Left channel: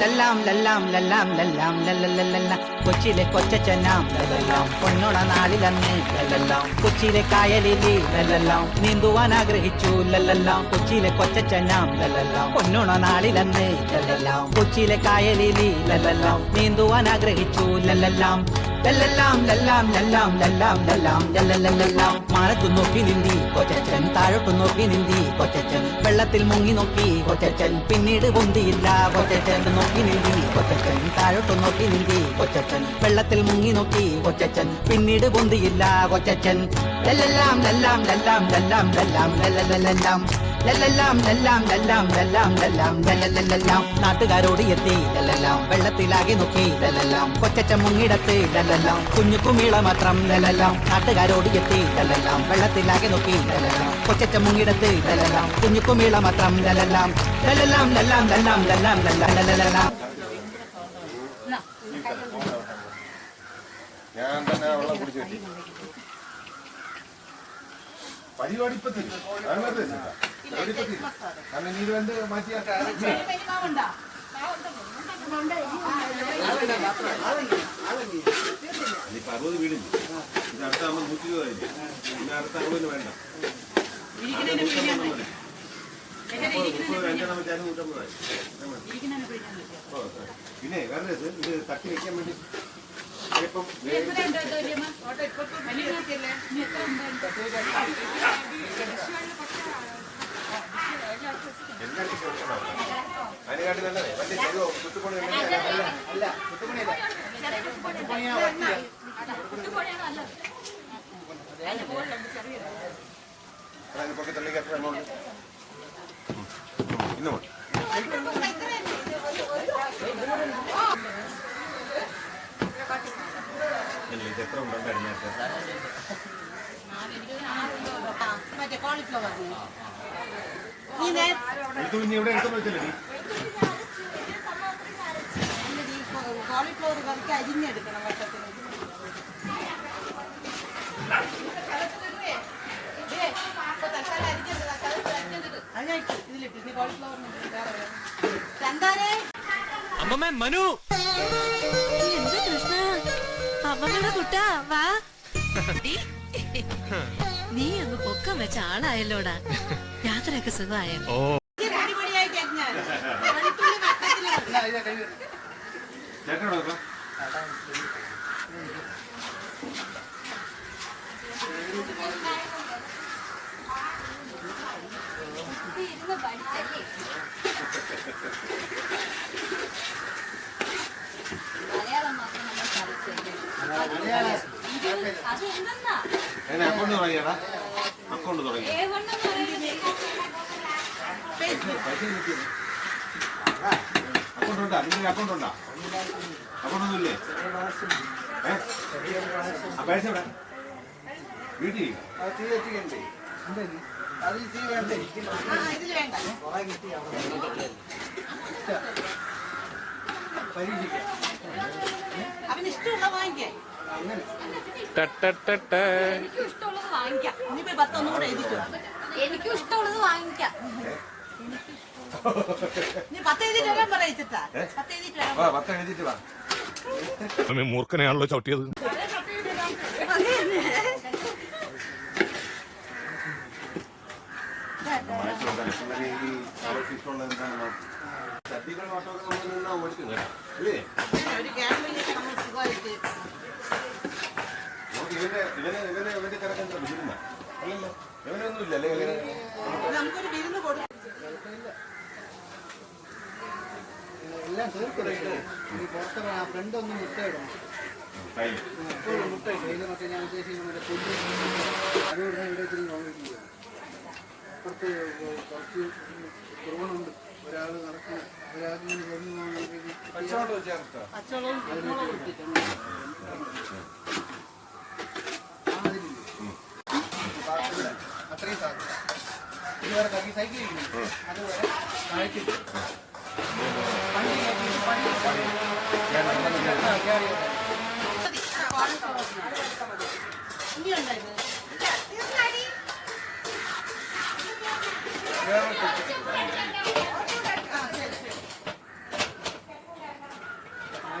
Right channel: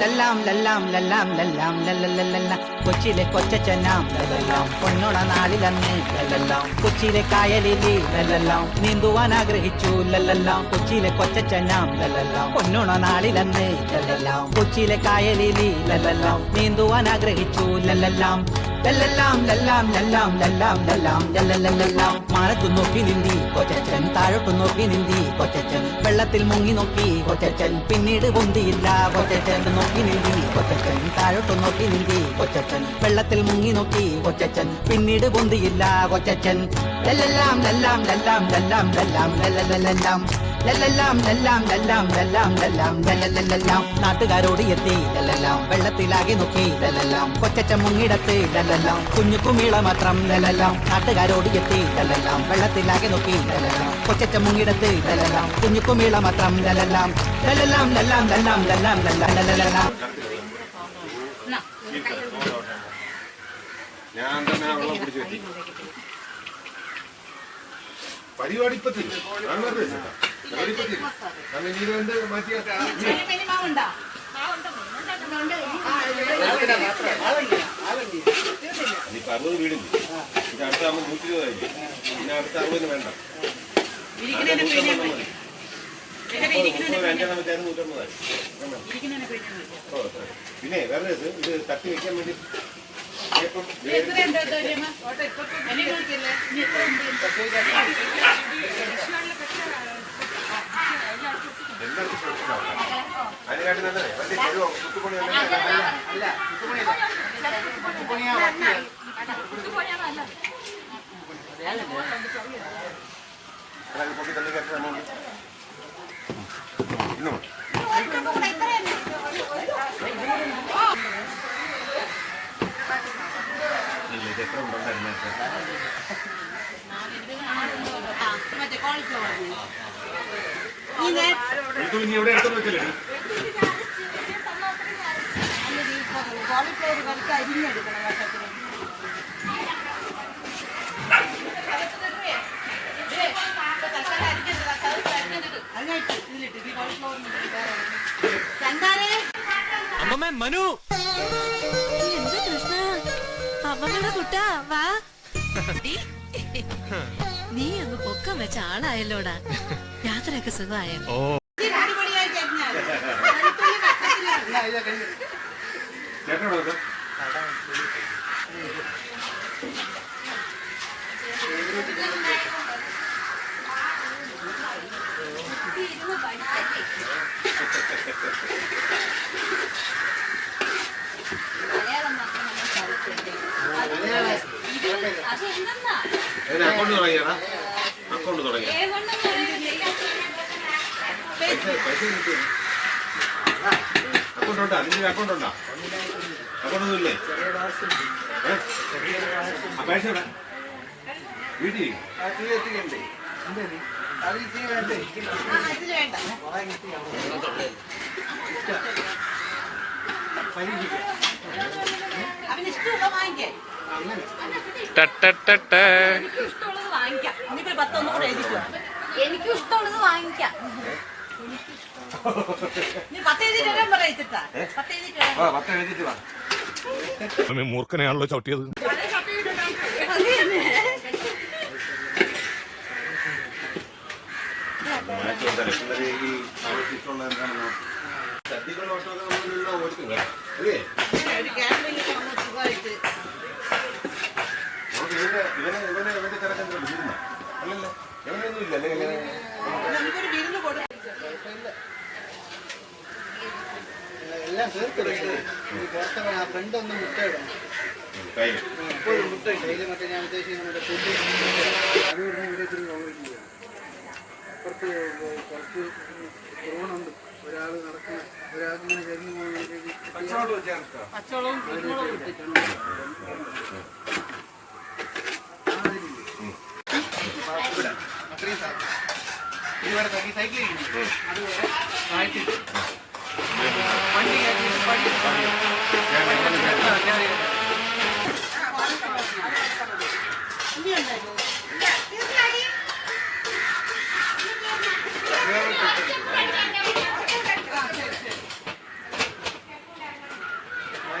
ലല്ലാം ലല്ലാം ലല്ലാം ലല്ലാം ലല്ലല്ലല്ല കൊച്ചിയിലെ കൊച്ചച്ചനാം ലല്ലല്ലാം പൊന്നോണ നാളിലന്ന് ലല്ലല്ലാം കൊച്ചിയിലെ കായലിലി ലല്ലല്ലാം നീന്തുവാൻ ആഗ്രഹിച്ചു ലല്ലല്ലാം കൊച്ചിയിലെ കൊച്ചച്ചനാം ലല്ലല്ലാം പൊന്നോണ നാളിലന്ന് ലല്ലല്ലാം കൊച്ചിയിലെ കായലിലി ലല്ലല്ലാം നീന്തുവാൻ ആഗ്രഹിച്ചു ലല്ലല്ലാം ലല്ലല്ലാം ലല്ലാം ലല്ലാം ലല്ലാം ലല്ലാം ലല്ലല്ലല്ലാം മാനത്തു നോക്കി നിന്തി കൊച്ചച്ചൻ താഴോട്ടു നോക്കി നിന്തി കൊച്ചച്ചൻ വെള്ളത്തിൽ മുങ്ങി നോക്കി കൊച്ചച്ചൻ പിന്നീട് പൊന്തിയില്ല കൊച്ചച്ചൻ നോക്കി നിന്തി കൊച്ചച്ചൻ താഴോട്ടു നോക്കി നിന്തി കൊച്ചച്ചൻ വെള്ളത്തിൽ മുങ്ങി നോക്കി കൊച്ചച്ചൻ പിന്നീട് പൊന്തിയില്ല കൊച്ചച്ചൻ ലല്ലല്ലാം ലല്ലാം ലല്ലാം ലല്ലാം ലല്ലാം ലല്ലല്ലല്ലാം ലല്ലല്ലാം ലല്ലാം ലല്ലാം ലല്ലാം ലല്ലാം ലല്ലല്ലല്ലാം നാട്ടുകാരോട് എത്തി ലല്ലല്ലാം വെള്ളത്തിലാകെ നോക്കി ലല്ലല്ലാം കൊച്ചച്ചൻ മുങ്ങിടത്ത് ലല്ലല്ലാം കുഞ്ഞു കുമിള മാത്രം ലല്ലല്ലാം നാട്ടുകാരോട് എത്തി ലല്ലല്ലാം വെള്ളത്തിലാകെ നോക്കി ലല്ലല്ലാം കൊച്ചച്ചൻ മുങ്ങിടത്ത് ലല്ലല്ലാം കുഞ്ഞു കുമിള മാത്രം ലല്ലല്ലാം ലല്ലല്ലാം ലല്ലാം ലല്ലാം ലല്ലാം ലല്ലാം ലല്ലല്ലാം പരിപാടിപ്പത്തിൽ നീര് കണ്ട് മാറ്റിയ ഇനിയിപ്പോ 60 വീടില്ല ഇത് അടുത്ത 120 പിന്നെ അടുത്ത 60 വേണ്ട 150 പിന്നെ വേറെ ഇത് തട്ടി വെക്കാൻ വേണ്ടി അതിനെക്കാട്ടി നല്ലതേ വണ്ടി തരുമോ കുത്തുപണി പൊട്ടി തള്ളി കയറ്റി എമൗണ്ട് ഇന്നും ഇത് എത്ര ഉണ്ടോണ്ടായിരുന്നു നീ എവിടെ എടുത്തു വെച്ചില്ലേ കോളിഫ്ലവർ വറുത്ത് അരിഞ്ഞെടുക്കണം വർഷത്തിന് മനു എന്ത് കൃഷ്ണ അമ്മമ്മയുടെ കുട്ടാ വാ നീ ഒന്ന് പൊക്കം വെച്ച ആളായല്ലോടാ യാത്രയൊക്കെ സുഖമായ അക്കൗണ്ട് തുടങ്ങിയാ അക്കൗണ്ട് തുടങ്ങി അക്കൗണ്ട് ഉണ്ടാ നിന്റെ അക്കൗണ്ട് ഉണ്ടാ അക്കൗണ്ട് ഒന്നും ഇല്ലേ പൈസ എവിടെ വീട്ടിൽ അതിൽ തീ വേണ്ടേ അവനിഷ്ടമുള്ള വാങ്ങിക്കേ എനിക്കും ഇഷ്ടമുള്ളത് വാങ്ങിക്കാം മൂർഖനെയാണല്ലോ ചവിട്ടിയത് ഇവന്റെ തിരക്കെന്താ വിരുന്ന അല്ലല്ലേ ഇവനൊന്നും ഇല്ലല്ലേ നമുക്കൊരു വിരുന്ന് കൊടുക്കും എല്ലാം തീർക്കല്ലേ പുറത്തിറങ്ങി ആ ഫ്രണ്ട് ഒന്ന് മുട്ടയിടണം എപ്പോഴും മുട്ട കയ്യിൽ മറ്റേ ഞാൻ ഉദ്ദേശിക്കുന്നത് പുല്ല് അത് ഇവിടെ ഇവിടെ ഇത്തിരി കോൺക്രീറ്റ് അപ്പുറത്ത് കുറച്ച് ഡ്രോണുണ്ട് ഒരാൾ നടക്കുന്ന ഒരാളിങ്ങനെ കരിഞ്ഞു പോകുമ്പോഴത്തേക്ക് പച്ചവെള്ളവും അത്രയും സാധനം ഇവിടെ സൈക്കിൾ ചെയ്യുന്നു അതുപോലെ താഴ്ത്തിട്ട് വണ്ടി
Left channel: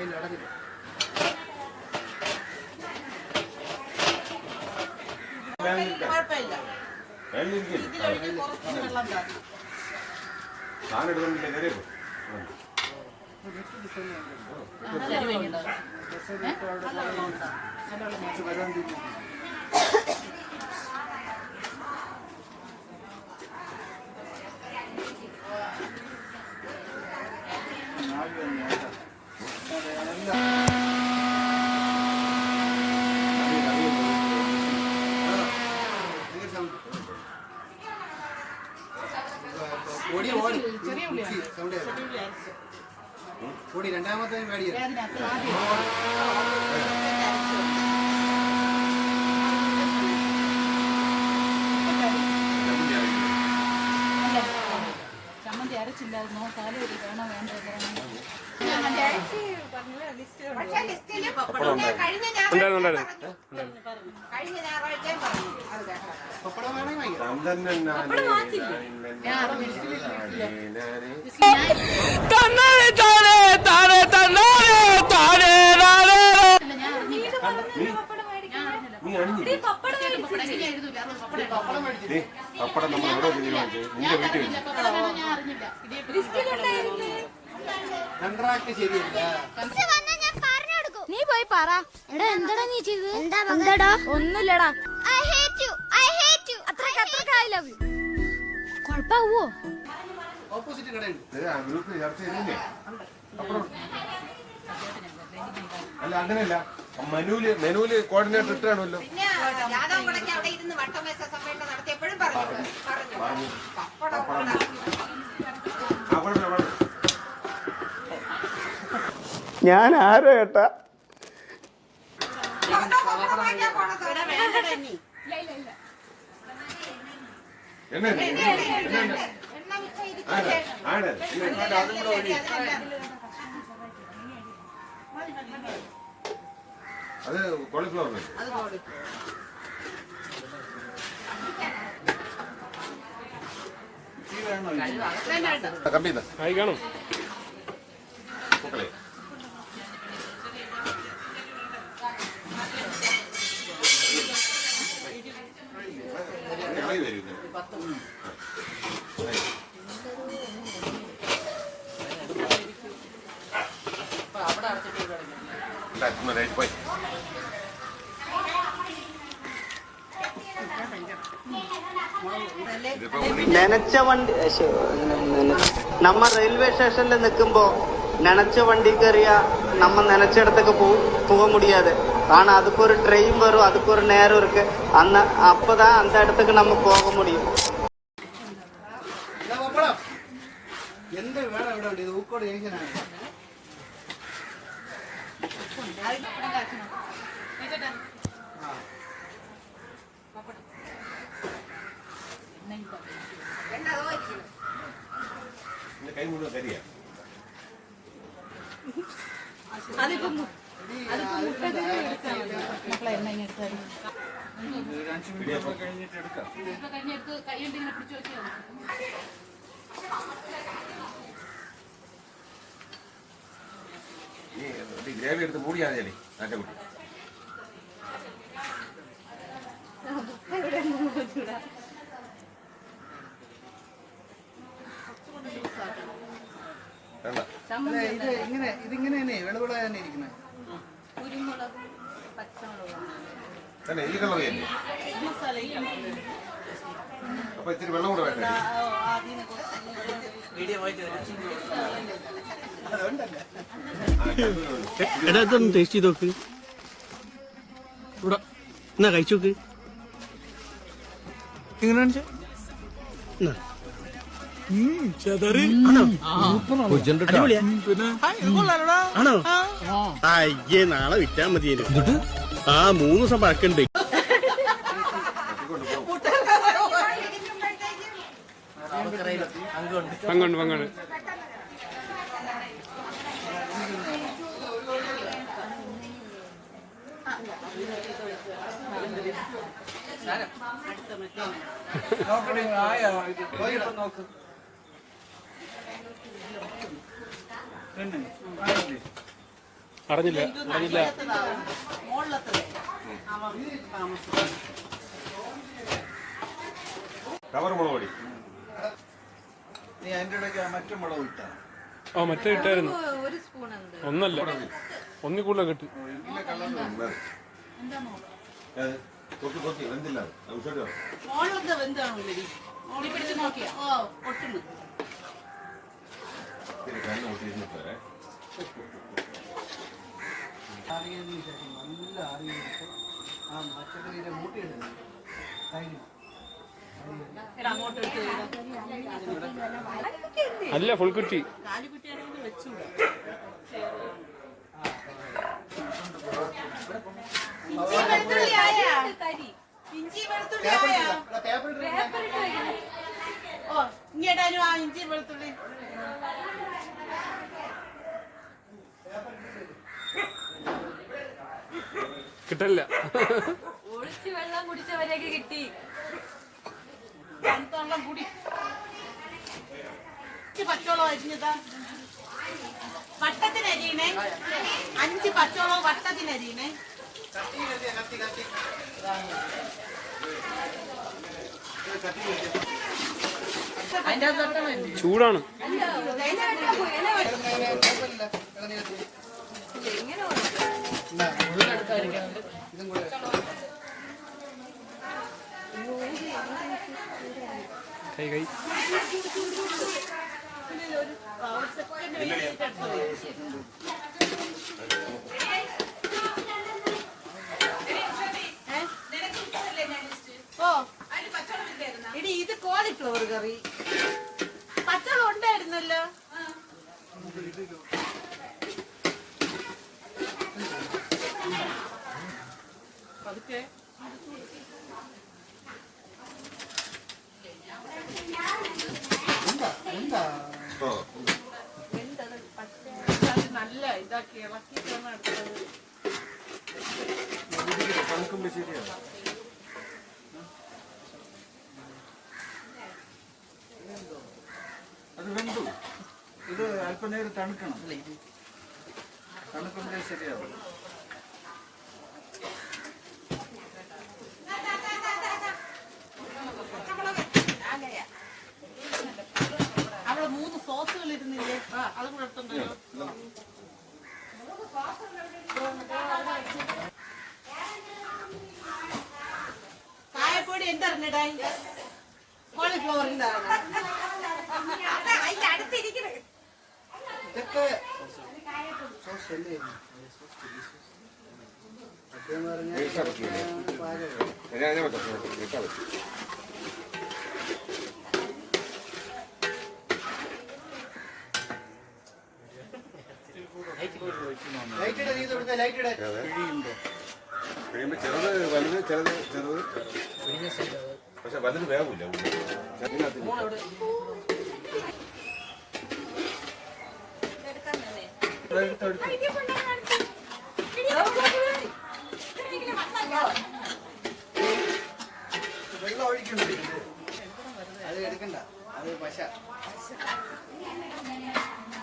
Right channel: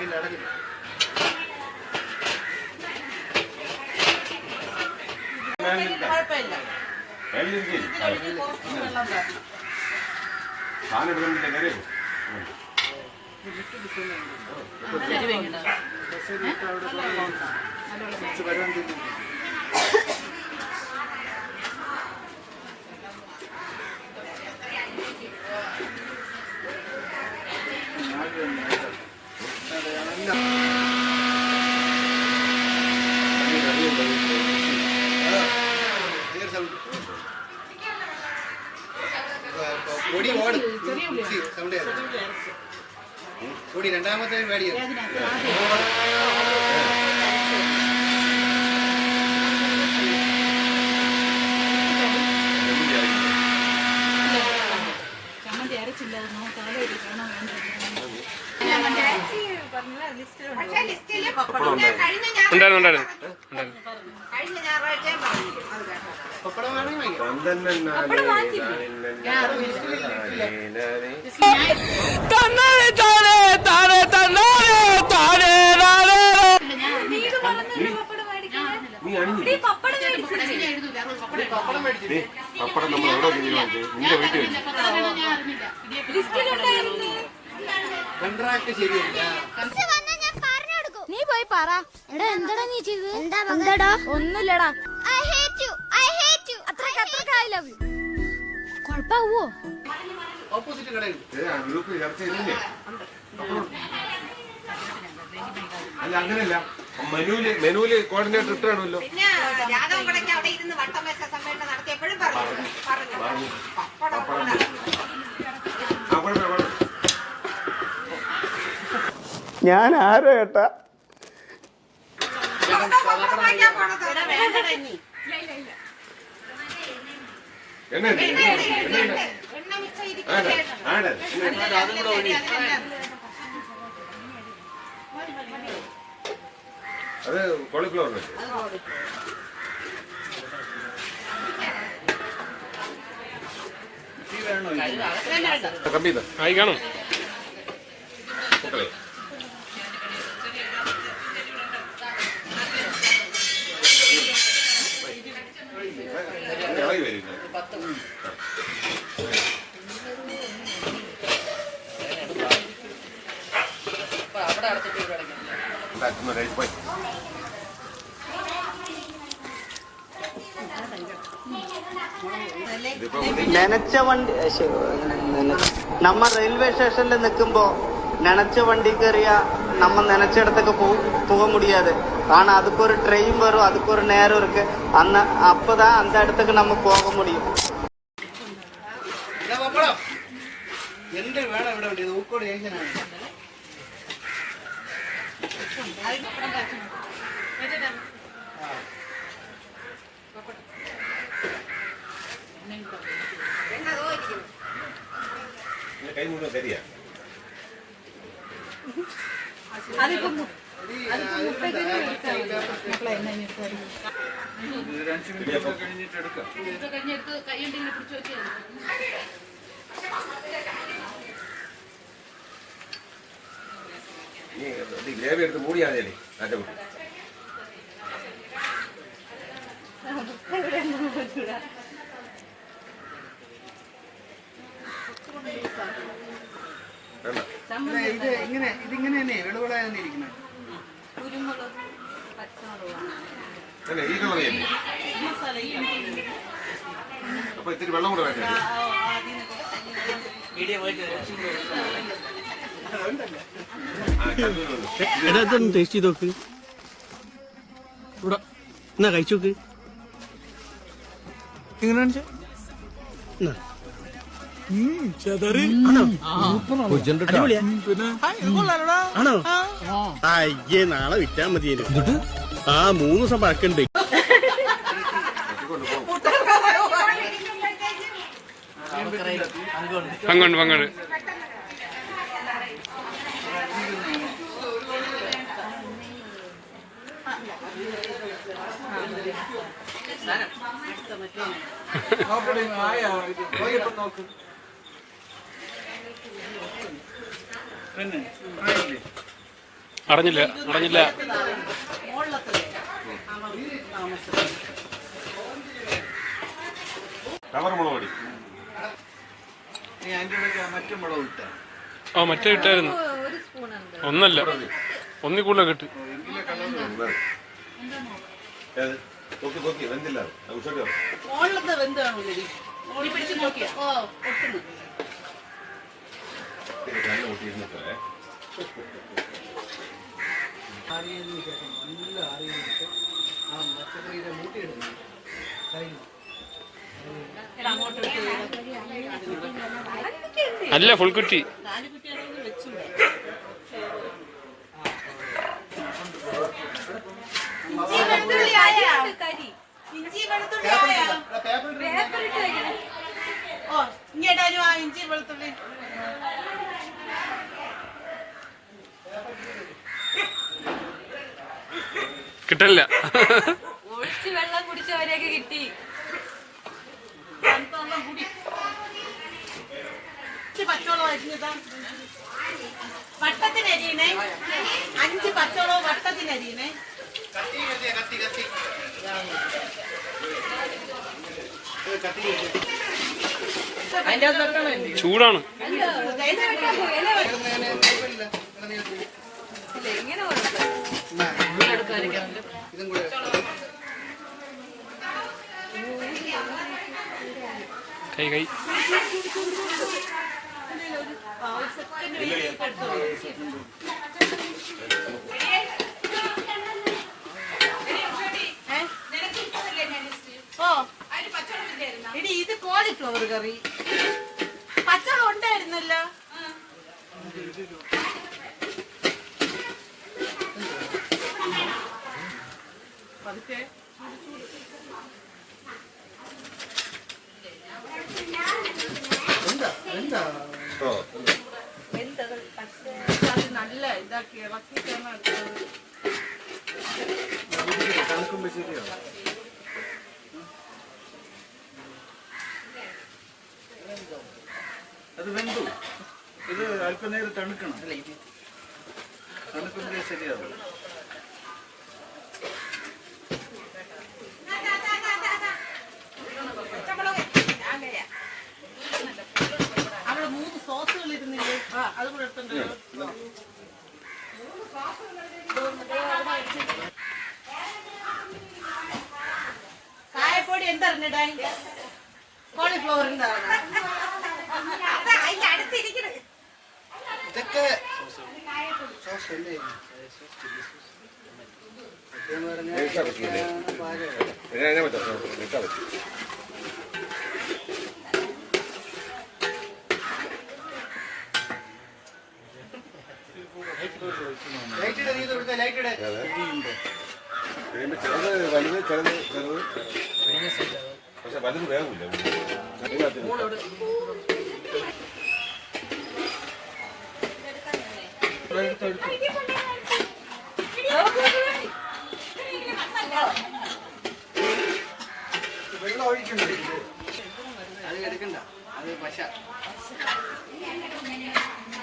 അതിൽ അടങ്ങില്ല. കുഴപ്പമില്ല. വെള്ളിരിക്കും ഇതിലൊഴിച്ച് കുറച്ച് വെള്ളം തരണം. സാധനം എടുക്കുന്നില്ല കയറി നല്ല വെള്ളം ഉണ്ടോ? പൊടി ഓടും. സൗണ്ട് പൊടി രണ്ടാമത്തെ മേടിയാണ്. ചമ്മന്തി അരച്ചില്ല. അത് നോക്കാലോ വേണോ വേണ്ടോ. പപ്പടം വേണമെങ്കിൽ പപ്പടം നമ്മൾ എവിടെ നിന്റെ വീട്ടിൽ കണ്ട്രാക്ട് ശരിയല്ല. നീ പോയി പറ. എടാ എന്താടാ നീ ചെയ്തത്? എന്താടാ? ഒന്നുമില്ലടാ. കൊഴപ്പാവോ? ഓപ്പോസിറ്റ് കടയുണ്ട്. ഗ്രൂപ്പിൽ ചർച്ച ചെയ്തില്ലേ? അല്ല അങ്ങനെയല്ല, മെനുവില് കോർഡിനേറ്റർ ഇട്ടാണല്ലോ. പിന്നെ രാധവൻ കടയ്ക്ക് അവിടെ ഇരുന്ന് വട്ടം വെച്ച സമ്മേളനം നടത്തിയപ്പോഴും പറഞ്ഞു. ഞാൻ ആരോ ഏട്ടാ? അത് കോളിഫ്ലവർ കമ്പി ആയി കാണും. പോയി നനച്ച വണ്ടി നമ്മ റെയിൽവേ സ്റ്റേഷനിൽ നിൽക്കുമ്പോ നനച്ച വണ്ടി കയറിയ நம்ம நினைச்சிடத்துக்கு போக முடியாது. ஆனா அதுக்கு ஒரு ட்ரெயின் வரும், அதுக்கு ஒரு நேரம் இருக்கு. அப்பதான் அந்த இடத்துக்கு நம்ம போக முடியும். എന്ത് വേണം ഇവിടെ വേണ്ടിയത്? ഊക്കോട് ജംഗ്ഷനാണ്. കൈ മുഴുവൻ കരിയാ. ഗ്രേവി എടുത്ത് മൂടിയാതെ നല്ല കുട്ടി. ഇതിങ്ങനെ തന്നെ വെളുവിളായി തന്നെ ഇരിക്കുന്നത്. കുരുമുളക്, പച്ചമുളക്, തന്നെ ഈ കളറിയല്ലേ? അപ്പൊ ഇത്തിരി വെള്ളം കൂടെ വേണ്ടേ? എടാ ഇതൊന്ന് ടേസ്റ്റ് ചെയ്ത് നോക്ക്. ഇവിടെ എന്നാ കഴിച്ചു നോക്ക്. എങ്ങനെ ആണോ? അയ്യേ നാളെ വിറ്റാ മതിയേനു. ആ 3 ദിവസം പഴക്കണ്ട്. പങ്കുണ്ട് പങ്കുണ്ട്. അടഞ്ഞില്ല അടഞ്ഞില്ല. മുകളിലത്തെ താമസം കവർ മുളക് പൊടി. നീ അതിൻ്റെ ഇടയ്ക്ക് മറ്റു മുളക് ഇട്ട ആ മറ്റേ ഇട്ടായിരുന്നു. ഒരു സ്പൂൺ ഉണ്ട്. ഒന്നല്ല ഒന്നി കൂടുതൽ കിട്ടി. ഏത്? നോക്കി വെന്തില്ല അത്. ഉച്ചയ്ക്ക് വരാം. മുകളിലത്തെ വെന്ത് കാണില്ലേ? ഓടി പിടിച്ച് നോക്കിയാ ഒട്ടുന്നു. ഇത് കണ്ണ് കൂട്ടിയിരുന്നിട്ടേ. ആറിയതിന് ശേഷം നല്ല ആറിയിട്ട് ആ പച്ചക്കറിയുടെ മൂട്ടിയിടുന്നു കഴിഞ്ഞു. അങ്ങോട്ട് അല്ല ഫുൾ കുറ്റി. കാലുകുട്ടിയാണെങ്കിൽ വെച്ചൂടെ. ഇഞ്ചി വെളുത്തുള്ളി ആയാ? ഓ ഇങ്ങോട്ടാനും ആ ഇഞ്ചി വെളുത്തുള്ളി. കിട്ടില്ല. ഒഴിച്ച് വെള്ളം കുടിച്ചവരെയൊക്കെ കിട്ടി. കുടി പച്ചോളം അരിഞ്ഞതാ വട്ടത്തിനരിയണേ. 5 പച്ചോളം വട്ടത്തിനരിയണേ. ചൂടാണ്. ഇതും കൂടെ കൈ കൈ എടി ഇത് കോളിഫ്ലവർ കറി പച്ചവളം ഉണ്ടായിരുന്നല്ലോ. പതുക്കെ എന്താ ഓ, നല്ല ഇതാക്കി ഇളക്കിയിട്ടാണ് എടുത്തത്. തണുക്കുമ്പോ ശരിയാവും. അത് വെന്തു. ഇത് അല്പനേരം തണുക്കണം. തണുക്കുമ്പോഴേ ശരിയാവും. അവിടെ 3 സോസുകൾ ഇരുന്നില്ലേ? അത് കൂടെ എടുത്തുണ്ടല്ലോ. കായപ്പൊടി എന്തറിഞ്ഞിടായി? കോളിഫ്ലവറിന്റെ ഇതൊക്കെ സോസ് അല്ലേ? സത്യം കഴിക്കാൻ പറ്റില്ലേ? പറഞ്ഞാൽ ഞാൻ പറ്റാം. കഴിക്കാൻ പറ്റും. ലൈറ്റിടെ നീ കൊടുത്ത ലൈറ്റിടെ കഴിയുമ്പോ ചെറുത് വലുത് ചെറുത് പക്ഷെ വലുത് വേഗമില്ല. വെള്ളം ഒഴിക്കണ്ട. അത് എടുക്കണ്ട. അത് പശ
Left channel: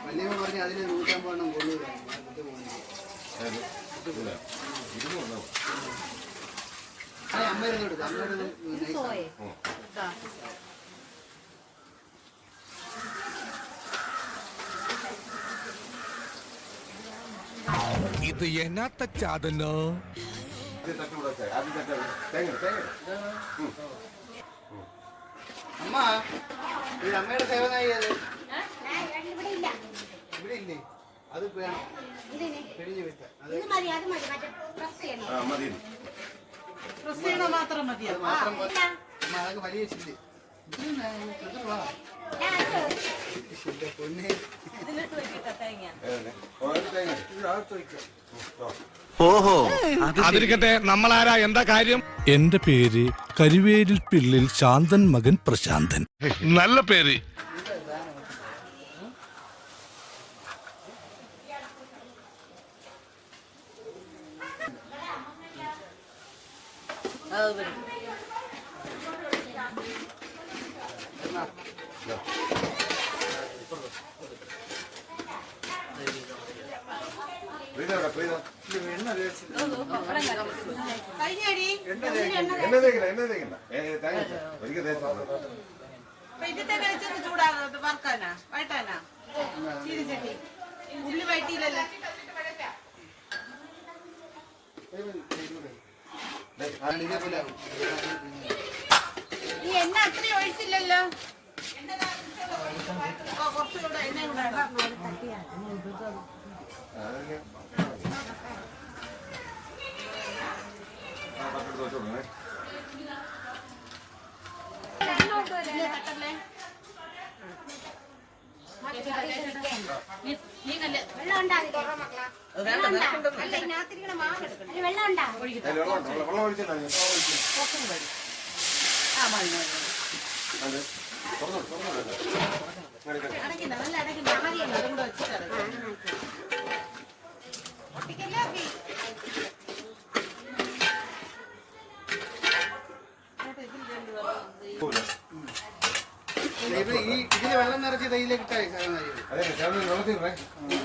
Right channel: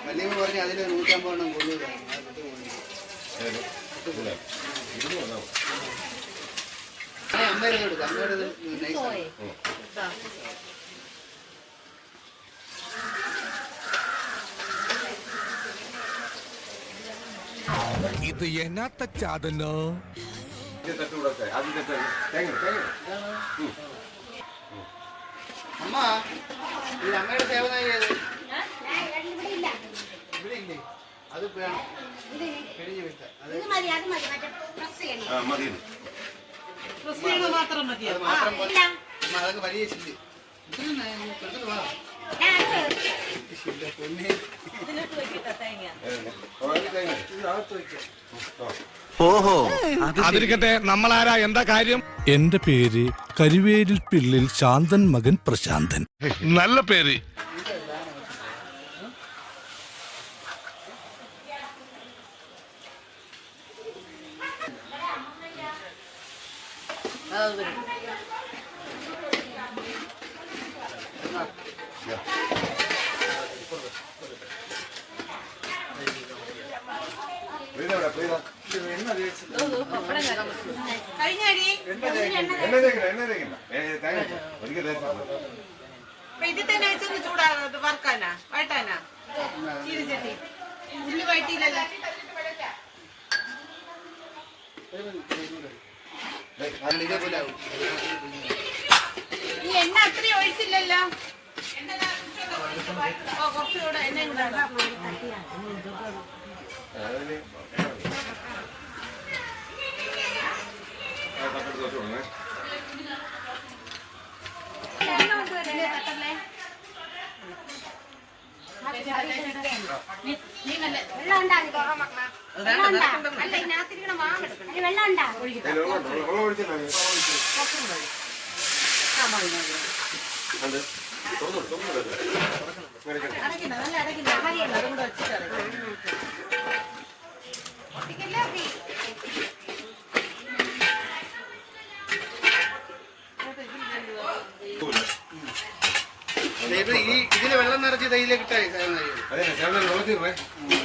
വലിയ പറഞ്ഞ് അതിൽ 150 എണ്ണം കൊണ്ടുവരാം. അമ്മേരെ കൊടുക്കാം. ഇത് എന്നാത്ത ചാതല്ലോ. അമ്മ ഇത് അമ്മയുടെ സേവന ഇവിടെ ഇല്ലേ? അത് വേണം. കഴിഞ്ഞു വെക്കാം. അത് മതി. ക്രിസ്ത്യാനോ മാത്രം മതിയോ? അത് മാത്രം പോരാ. അമ്മ അതൊക്കെ വലിയ ചില്ല്. ഇതിന് വാ. ഇതിന്റെ പൊന്നെ. ഇതിനകത്ത് വെക്കിട്ട തേങ്ങ. ഇത് അകത്ത് വയ്ക്കാം. ഓഹോ അതിരിക്കട്ടെ, നമ്മളാരാ, എന്താ കാര്യം? എന്റെ പേര് കരിവേലിൽ പിള്ളിൽ ശാന്തൻ മകൻ പ്രശാന്തൻ. നല്ല പേര്. പ്രീത എവിടെ? പ്രീത കഴിഞ്ഞടി എണ്ണ തേക്കില്ല. തേങ്ങ ഒരിക്കൽ തേച്ചാ മതി. ഇതിൽ തന്നെ വെച്ചൊന്ന് ചൂടാകാൻ വറക്കാനാ വഴട്ടാനാ ചീരിച്ചട്ടി ഉള്ളി വഴറ്റിയില്ലല്ലോ. ഈ എണ്ണ അത്രയും ഒഴിച്ചില്ലല്ലോ. കുറച്ചുകൂടെ എണ്ണ തട്ടല്ലേ. വെള്ളം ഒഴിച്ചില്ല. അടയ്ക്കണ്ട, നല്ല അടയ്ക്കണ്ട. അതും കൂടെ വെച്ചിട്ട് ഇതില് വെള്ളം നിറച്ച് തൈയിലേക്ക് ഇട്ടായി. അതെ വെള്ളത്തിൽ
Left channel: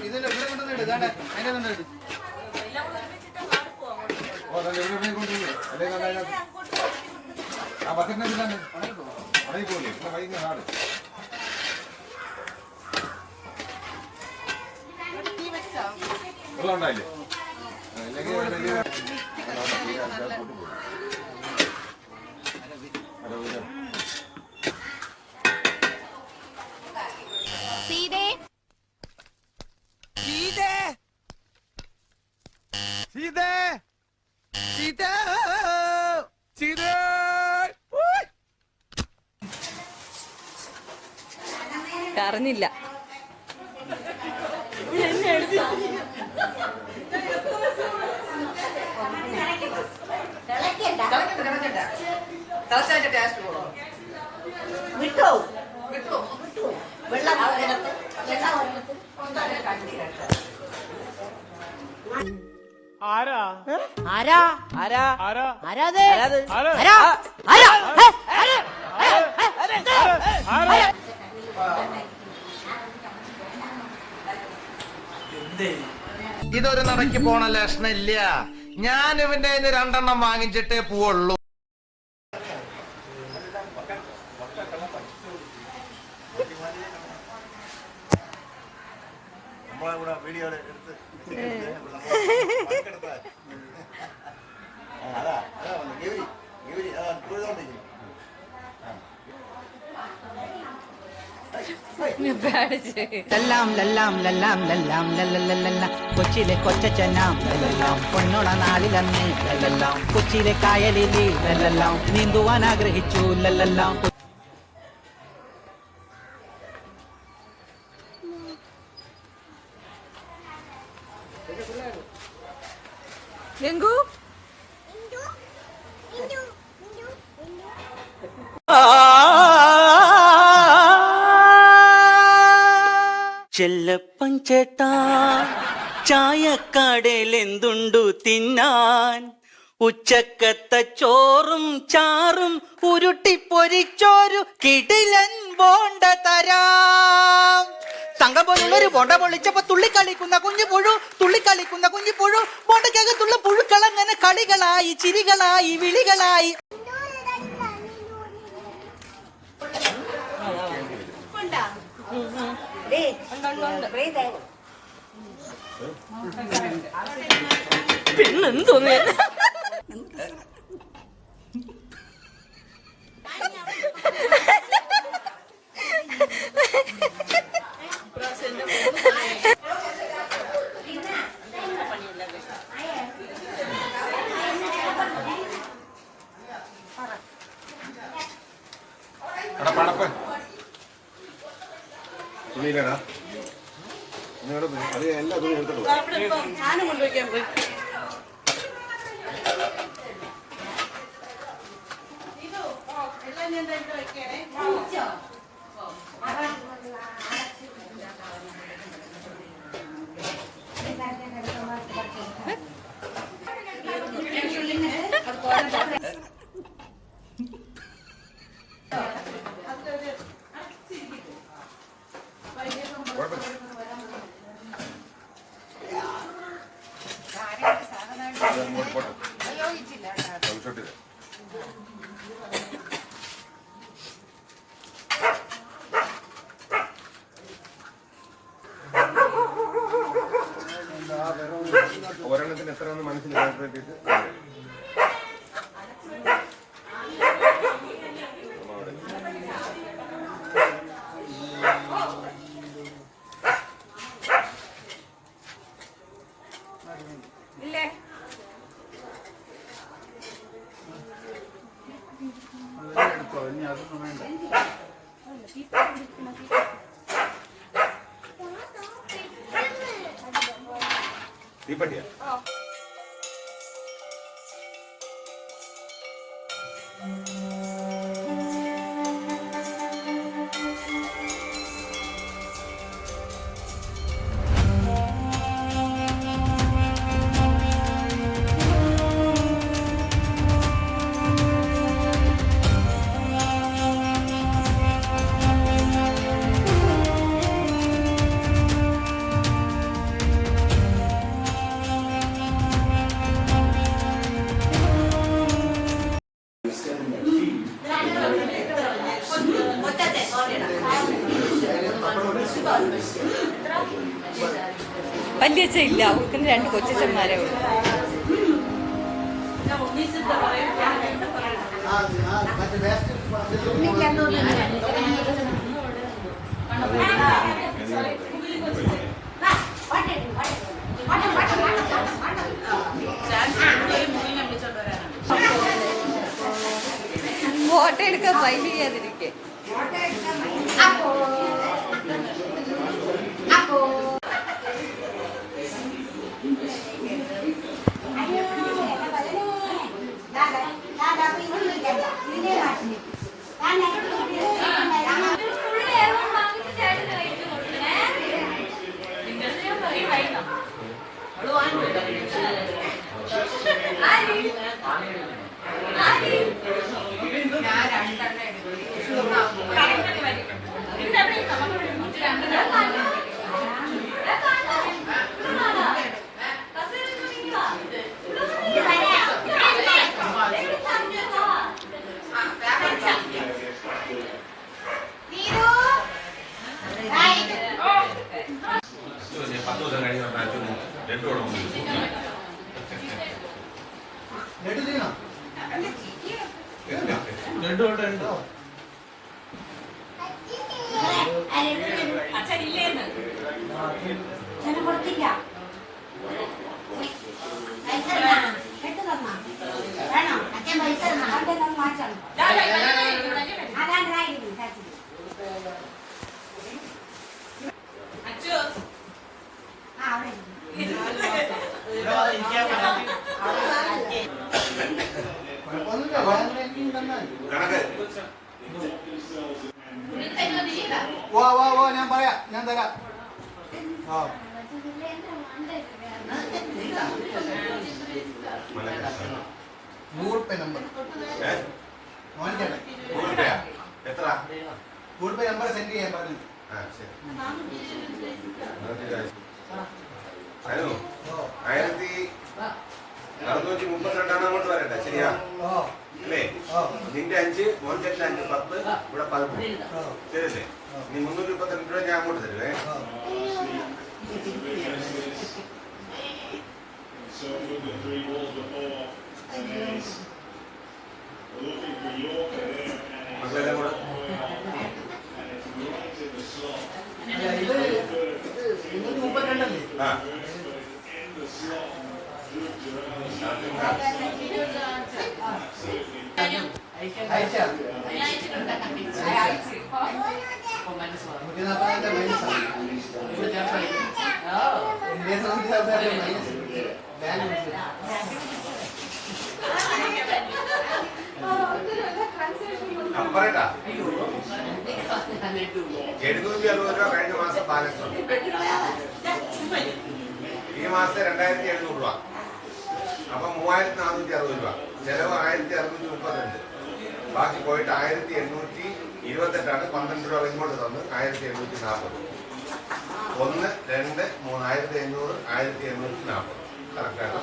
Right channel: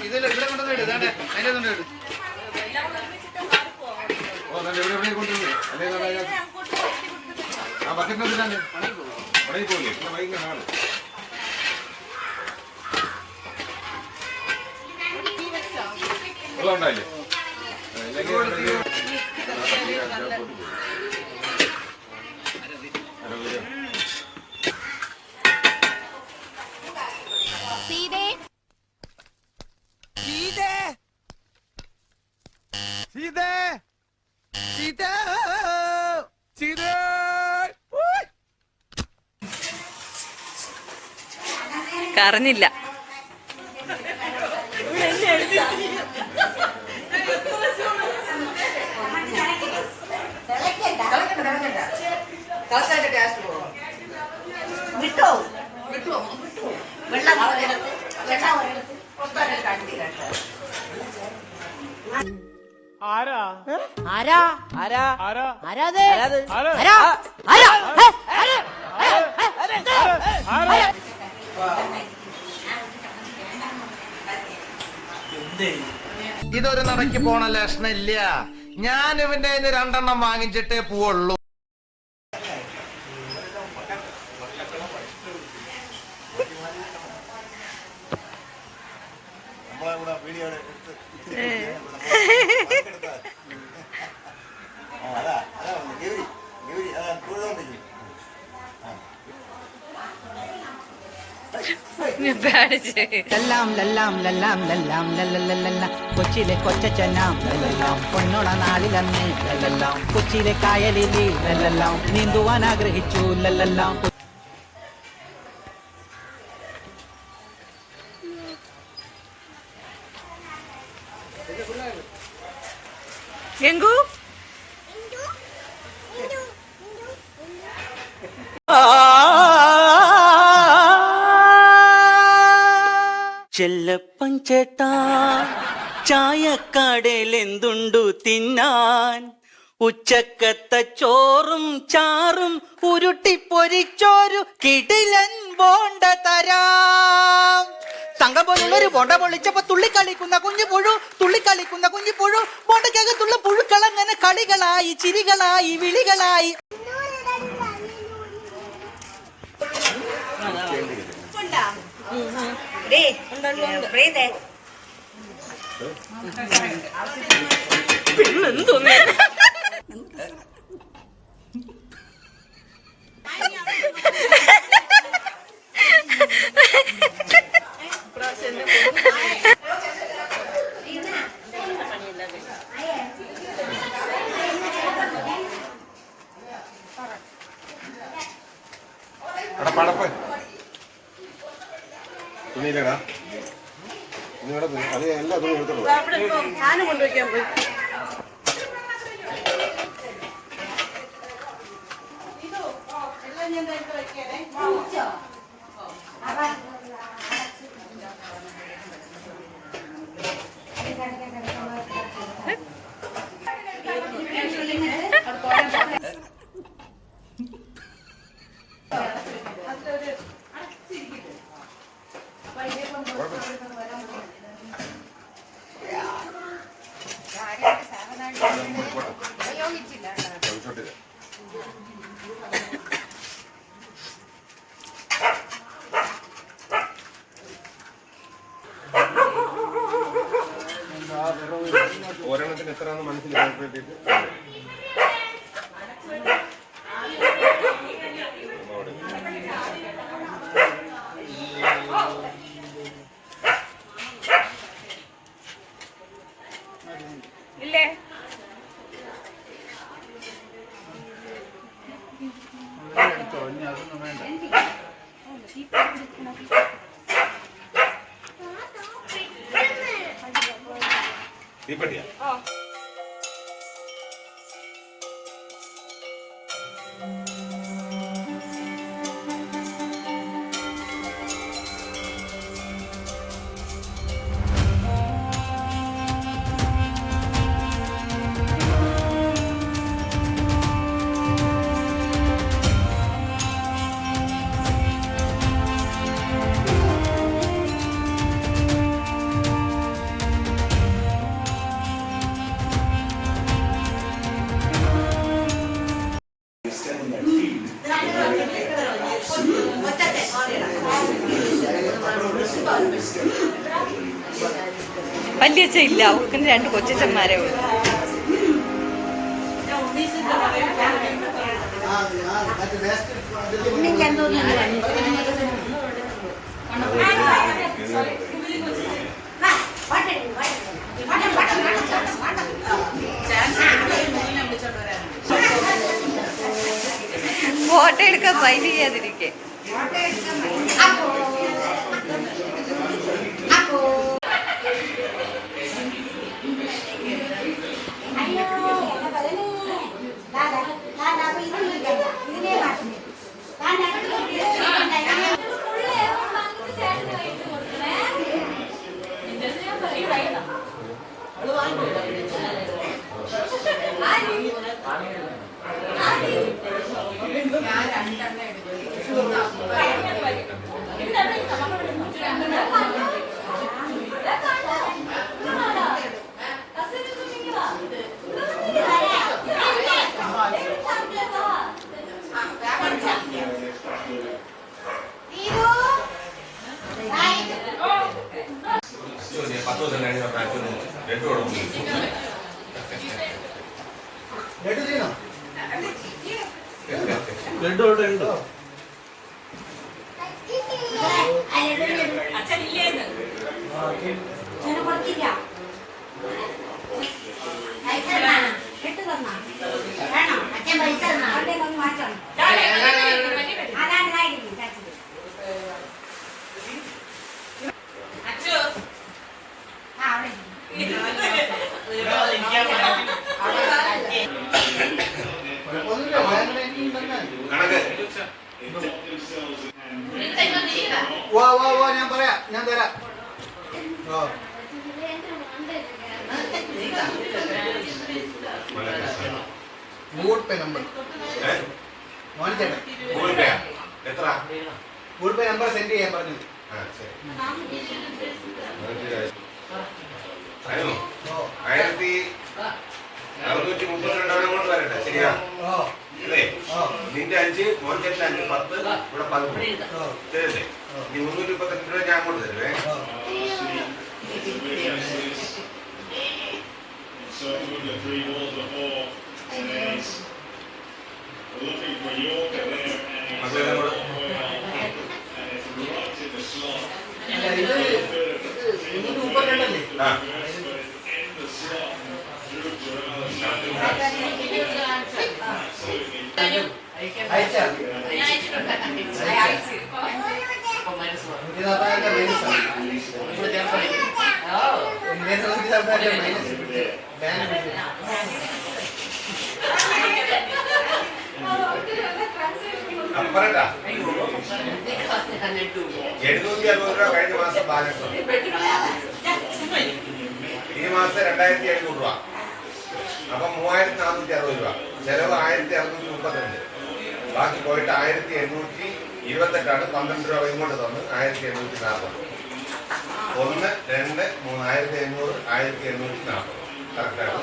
ഇതിൽ ഇവിടെ കൊണ്ടുവന്നിട്ട് ഇതാണ്ട് അതിന്റെ കൊണ്ടിട്ട് ആ ബക്കറ്റിനകത്ത് പണി പോലെ വൈകുന്ന ആള് വെള്ളം ഉണ്ടായില്ലേ? കറഞ്ഞില്ല. ഇതൊരു നടക്ക് പോണ ലക്ഷണില്ല. ഞാൻ ഇവന്റെ 2 വാങ്ങിച്ചിട്ടേ പോവുള്ളൂ. നമ്മളെ കൂടെ വീഡിയോ എടുത്ത് അതാ ലല്ലാം ലല്ലാം ലല്ലാം ലല്ലാം ലല്ലല്ലല്ല കൊച്ചിയിലെ കൊച്ചച്ചനാം ലല്ലല്ലാം പൊന്നോള നാളിലന്നേ ലല്ലല്ലാം കൊച്ചിയിലെ കായലിലി ലല്ലല്ലാം നീന്തുവാൻ ആഗ്രഹിച്ചു ലല്ലല്ലാം. എങ്കു ചെല്ലപ്പൻ ചേട്ടാ ചായക്കടയിൽ എന്തുണ്ടു തിന്നാൻ? ഉച്ചക്കത്തെ ചോറും ചാറും ഉരുട്ടിപ്പൊരിച്ചോരു കിടിലൻ ബോണ്ട തരാം. തങ്കം പോലുള്ളൊരു ബോണ്ട പൊളിച്ചപ്പോ തുള്ളിക്കളിക്കുന്ന കുഞ്ഞു പുഴു ബോണ്ടക്കകത്തുള്ള പുഴുക്കളങ്ങനെ കളികളായി ചിരികളായി വിളികളായി. പടപ്പ് തുണിയിലടാ അത് എല്ലാ തുണി എടുത്തോളൂ. ഞാനും കൊണ്ടുവയ്ക്കാൻ പോയി. എല്ലാം ഞാൻ വെക്കണേ. ഒരെണ്ണത്തിന് എത്രയാണെന്ന് മനസ്സിൽ കോൺസെൻട്രേറ്റ് ഇല്ലേ തീപ്പട്ടിയാ വല്യച്ഛ ഇല്ല, അവർക്ക് 2 കൊച്ചന്മാരേ ഉള്ളൂ. ഫോട്ടോ എടുക്കാൻ ഫൈൽ ചെയ്യാതിരിക്കേ. ഞാൻ തരാം. ഗൂഗിൾ പേ നമ്പർ എത്ര ഗൂഗിൾ പേ നമ്പർ സെൻഡ് ചെയ്യാൻ പറഞ്ഞു. 1632 അങ്ങോട്ട് വരട്ടെ. ശരിയാ അല്ലേ? നിന്റെ 5 മോൻചേട്ടൻ 5 10 ഇവിടെ 13 ശരിയല്ലേ? നീ 332 രൂപ ഞാൻ അങ്ങോട്ട് തരുവേ. മക്കളെല്ലാം കൂടെ ആ പറയട്ടാ 760 രൂപ കഴിഞ്ഞ മാസം ബാലൻസ് ഉണ്ട്. ഈ മാസം 2700 രൂപ. അപ്പൊ 3460 രൂപ. ചെലവ് 1632. ബാക്കി പോയിട്ട് 1828 12 രൂപ ഇങ്ങോട്ട് തന്ന് 1840. 1 2 3 1800 1840 കറക്റ്റാണ്.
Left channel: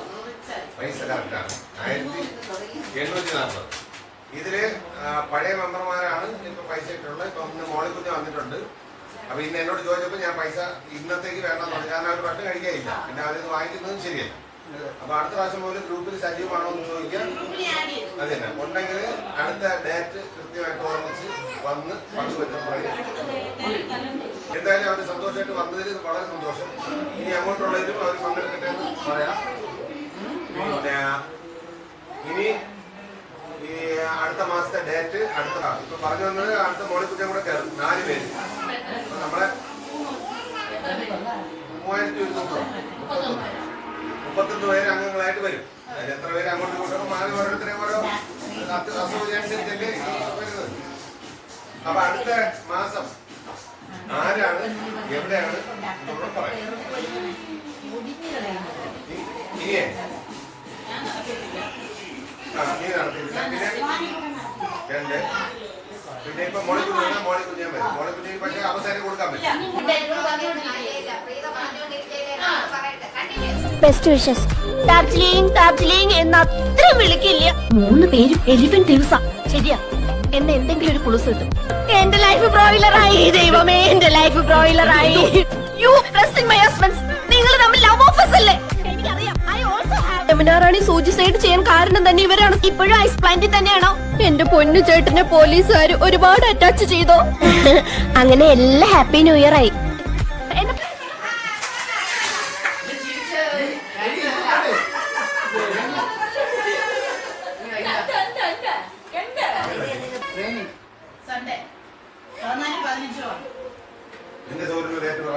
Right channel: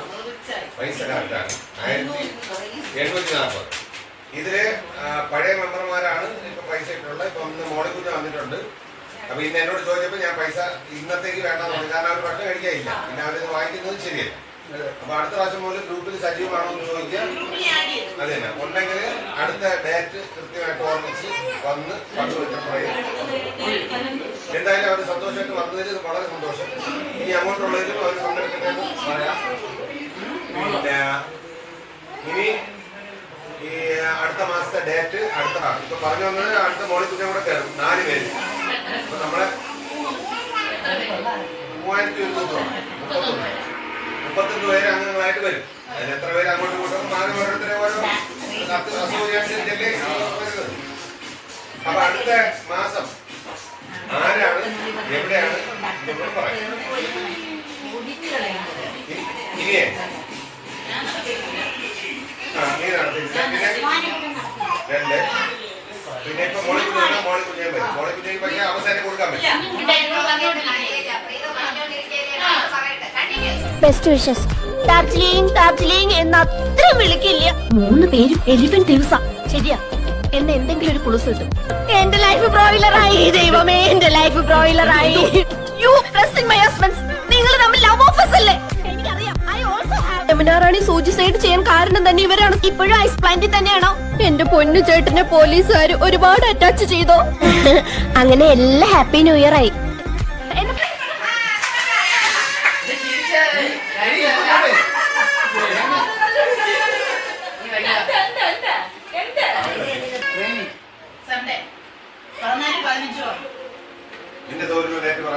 പൈസ കറക്റ്റാണ് 1740. ഇതില് പഴയ മെമ്പർമാരാണ് ഇപ്പൊ പൈസ ഇട്ടുള്ളത്. ഇപ്പൊ ഇന്ന് മോളിക്കുഞ്ഞ് വന്നിട്ടുണ്ട്. അപ്പൊ ഇന്ന് എന്നോട് ചോദിച്ചപ്പോ ഞാൻ പൈസ ഇന്നത്തേക്ക് വേണമെന്ന് പറഞ്ഞു. കാരണം അവർ ഭക്ഷണം കഴിക്കാനില്ല, പിന്നെ അവരിത് വാങ്ങിക്കുന്നതും ശരിയല്ല. അപ്പൊ അടുത്ത പ്രാവശ്യം മുതൽ ഗ്രൂപ്പിൽ സജീവമാണോ എന്ന് ചോദിക്കാം. അതെ തന്നെ ഉണ്ടെങ്കിൽ അടുത്ത ഡേറ്റ് കൃത്യമായിട്ട് ഓർമ്മിച്ച് വന്ന് പങ്കുവെക്കാൻ പറയും. എന്തായാലും അവർ സന്തോഷമായിട്ട് വന്നതിൽ വളരെ സന്തോഷം. ഇനി അങ്ങോട്ടുള്ളതിലും അവർ പങ്കെടുക്കട്ടെ എന്ന് പറയാം. പിന്നെ ഇനി ഈ അടുത്ത മാസത്തെ ഡേറ്റ് അടുത്തതാണ്. ഇപ്പൊ പറഞ്ഞു വന്നത് അടുത്ത മോളിക്കുഞ്ഞും കൂടെ കയറും 4 പേര്. അപ്പൊ നമ്മളെ 31 പേര് അംഗങ്ങളായിട്ട് വരും. അതിൽ എത്ര പേര് അങ്ങോട്ട് കൂട്ടും ആരും ഓരോരുത്തരെ ഓരോ അസൗകര്യമനുസരിച്ചല്ലേ വരുന്നത്. അപ്പൊ അടുത്ത മാസം ആരാണ് എവിടെയാണ് ഇതൊന്നും പറയാം. ഇനിയേ നീ നടത്തില്ല. പിന്നെ 2 പിന്നെ ഇപ്പൊ മോളിക്കുഞ്ഞാൻ വരും. മോളിക്കുഞ്ഞിന് പക്ഷേ അവസാനം കൊടുക്കാൻ പറ്റും. Best wishes. ഡാർജിലിംഗ് ഡാർജിലിംഗ് എന്ന് അത്ര വിളിക്കില്ല. 3 പേരും എലിഫന്റ് ദിവസ. ശരിയാ, എന്നെ എന്തെങ്കിലും ഒരു കുളുസ് കിട്ടും. എന്റെ ലൈഫ് ബ്രോയിലറായി. ദൈവമേ, എന്റെ ലൈഫ് ബ്രോയിലറായി. You pressing my husbands. നിങ്ങൾ തമ്മിൽ ലവ് ഓഫേഴ്സ് അല്ലേ? എനിക്കറിയാം. I also have. Yamunarani suicide ചെയ്യാൻ കാരണം തന്നെ ഇവരാണ്. ഇപ്പോഴും ഐസ് പ്ലാന്റിൽ തന്നെയാണോ? എന്റെ പൊന്നു ചേട്ടനെ പോലീസുകാർ ഒരുപാട് അറ്റാച്ച് ചെയ്തോ? അങ്ങനെ എല്ലാ ഹാപ്പി ന്യൂ ഇയർ ആയി. നിന്റെ സൗകര്യം ഡേറ്റ് പറ.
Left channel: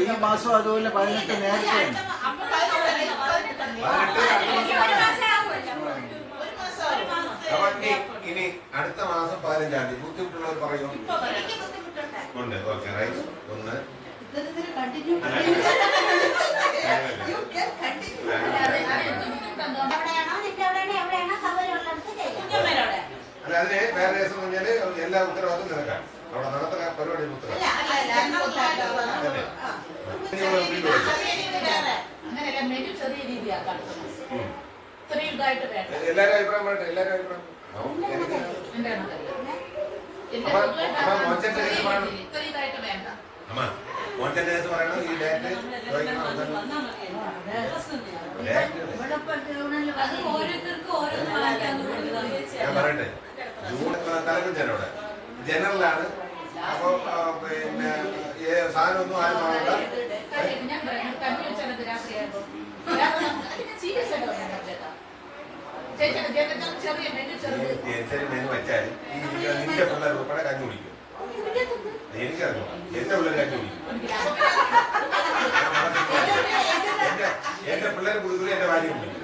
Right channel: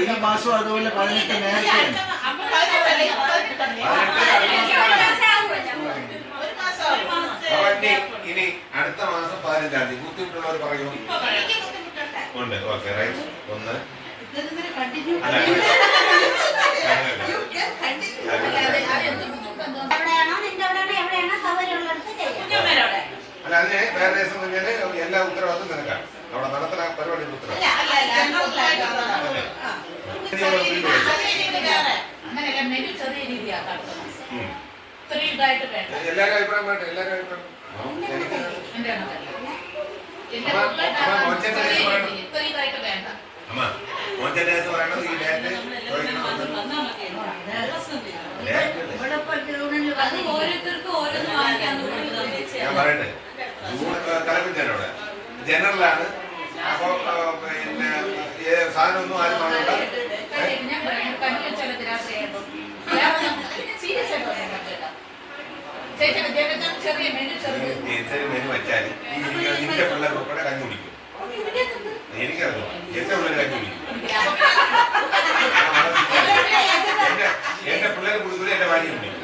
ഈ മാസം അതുപോലെ 18 നേരത്തെ. ഇനി അടുത്ത മാസം 15-ാം തീയതി ബുദ്ധിമുട്ടുള്ളവർ പറയൂ. ഉണ്ട്. Okay, right. 1 അല്ല, അതിന് വേറെ ദിവസം കഴിഞ്ഞാല് എല്ലാ ഉത്തരവാദിത്വം നിനക്കാണ്. അവിടെ നടത്തുന്ന പരിപാടിയുടെ ഉത്തരവാദിത്വം. എല്ലാരും അഭിപ്രായം വേണ്ട. എല്ലാരും അഭിപ്രായം അമ്മ മോഞ്ചന്റെ കേസ് പറയണത് ഈ ഡേറ്റ് ഞാൻ പറയട്ടെ. ജൂൺ തലപ്പിച്ചവിടെ ജനറലാണ്. അപ്പൊ പിന്നെ സാധനം ഒന്നും ആരും കാണണ്ട. ചെറിയ മെനു വെച്ചാൽ നിന്റെ പിള്ളേർ ഉൾപ്പെടെ കഞ്ഞി കുടിക്കും. എനിക്കറിയാം, എന്റെ പിള്ളേർ കഞ്ഞി കുടിക്കും. എന്റെ പിള്ളേർ കുടിക്കില്ല, എന്റെ ഭാര്യ കുടിക്കും.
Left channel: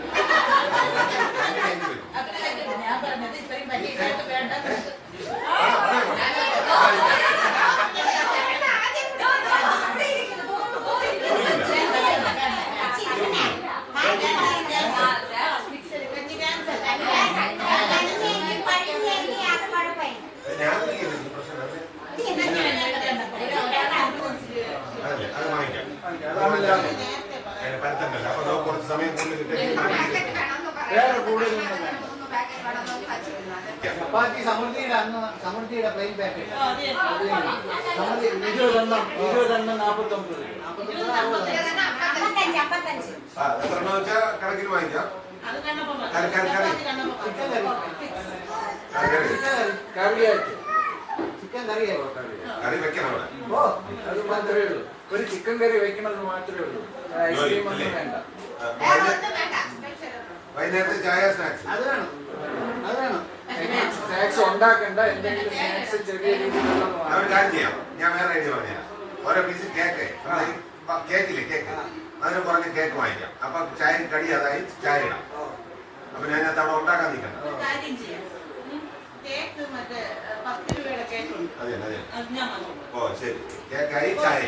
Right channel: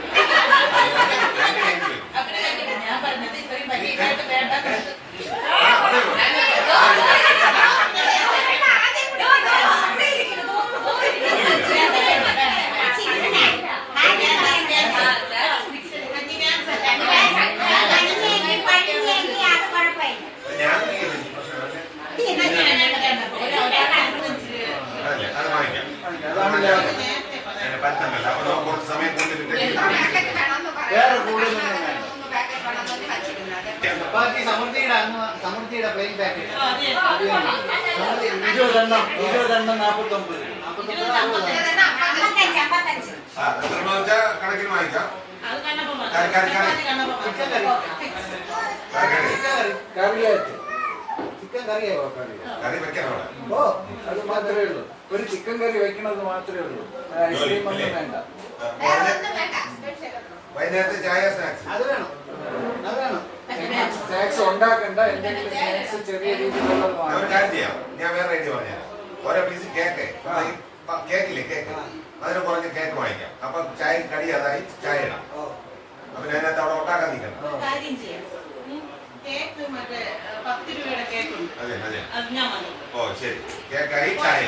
അത് വാങ്ങിക്കാം. പറ്റണ്ടല്ലോ. അപ്പൊ കുറച്ച് സമയം സമൃദ്ധിയുടെ പ്ലെയിൻ പാക്കറ്റ് 20 കണക്കിന് വാങ്ങിക്കാം. ചിക്കൻ കറിയായോ? കറി വെക്കണം. ഓ, അത് മാത്രമേ ഉള്ളൂ. ഒരു ചിക്കൻ കറി വെക്കണമെന്ന് മാത്രമേ ഉള്ളൂ. ഐസ്ക്രീം ഒന്നും വേണ്ട. വൈകുന്നേരത്തെ ചായ സ്നാക്സ് അത് വേണം. അത് വേണം. സ്നാക്സ് ഉണ്ടാക്കണ്ട. എന്തെങ്കിലും സ്നാക്സ് ചെറിയ രീതിയിലുള്ളത് ചെയ്യാം. ഞാൻ വേറെ ഐഡിയ പറഞ്ഞുതരാം. ഓരോ പീസ് കേക്ക്, കേക്കില്ലേ കേക്ക്, അതിന് കുറഞ്ഞ കേക്ക് വാങ്ങിക്കാം. അപ്പൊ ചായ കടി അതായി ചായ ഇടാം. അപ്പൊ അതിനകത്ത് അവിടെ ഉണ്ടാക്കാൻ നിൽക്കണം. അതെ അതെ. ഓ ശരി, കേക്കായി ചായ.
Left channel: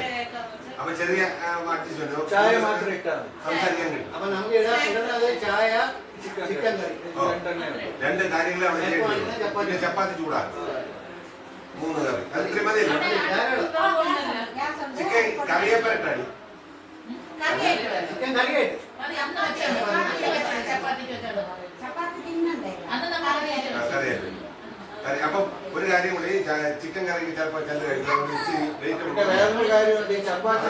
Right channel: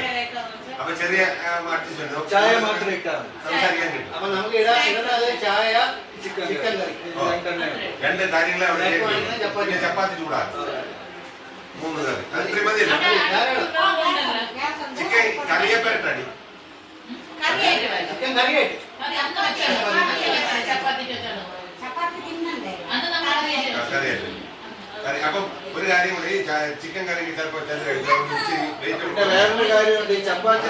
അപ്പൊ ചെറിയ അഡ്ജസ്റ്റ്മെന്റ് ചായ മാത്രം ഇട്ടാൽ സംസാരിക്കാൻ കിട്ടും. അപ്പൊ നമുക്ക് ചായ ചിക്കൻ കറി 2 കാര്യങ്ങളെ അവിടെ പിന്നെ ചപ്പാത്തി ചൂടാക്കും. 3 കറി. അത് ത്രിമതിയല്ലോ. ചിക്കൻ കറിയെ പേരട്ടടി ചിക്കൻ കറി കഴിക്കും. അപ്പം ഒരു കാര്യം കൂടി, ചിക്കൻ കറി ചിലപ്പോൾ ചില കഴിക്കാം. പിന്നെ വേറൊരു കാര്യമുണ്ട്, ഈ ചപ്പാത്തി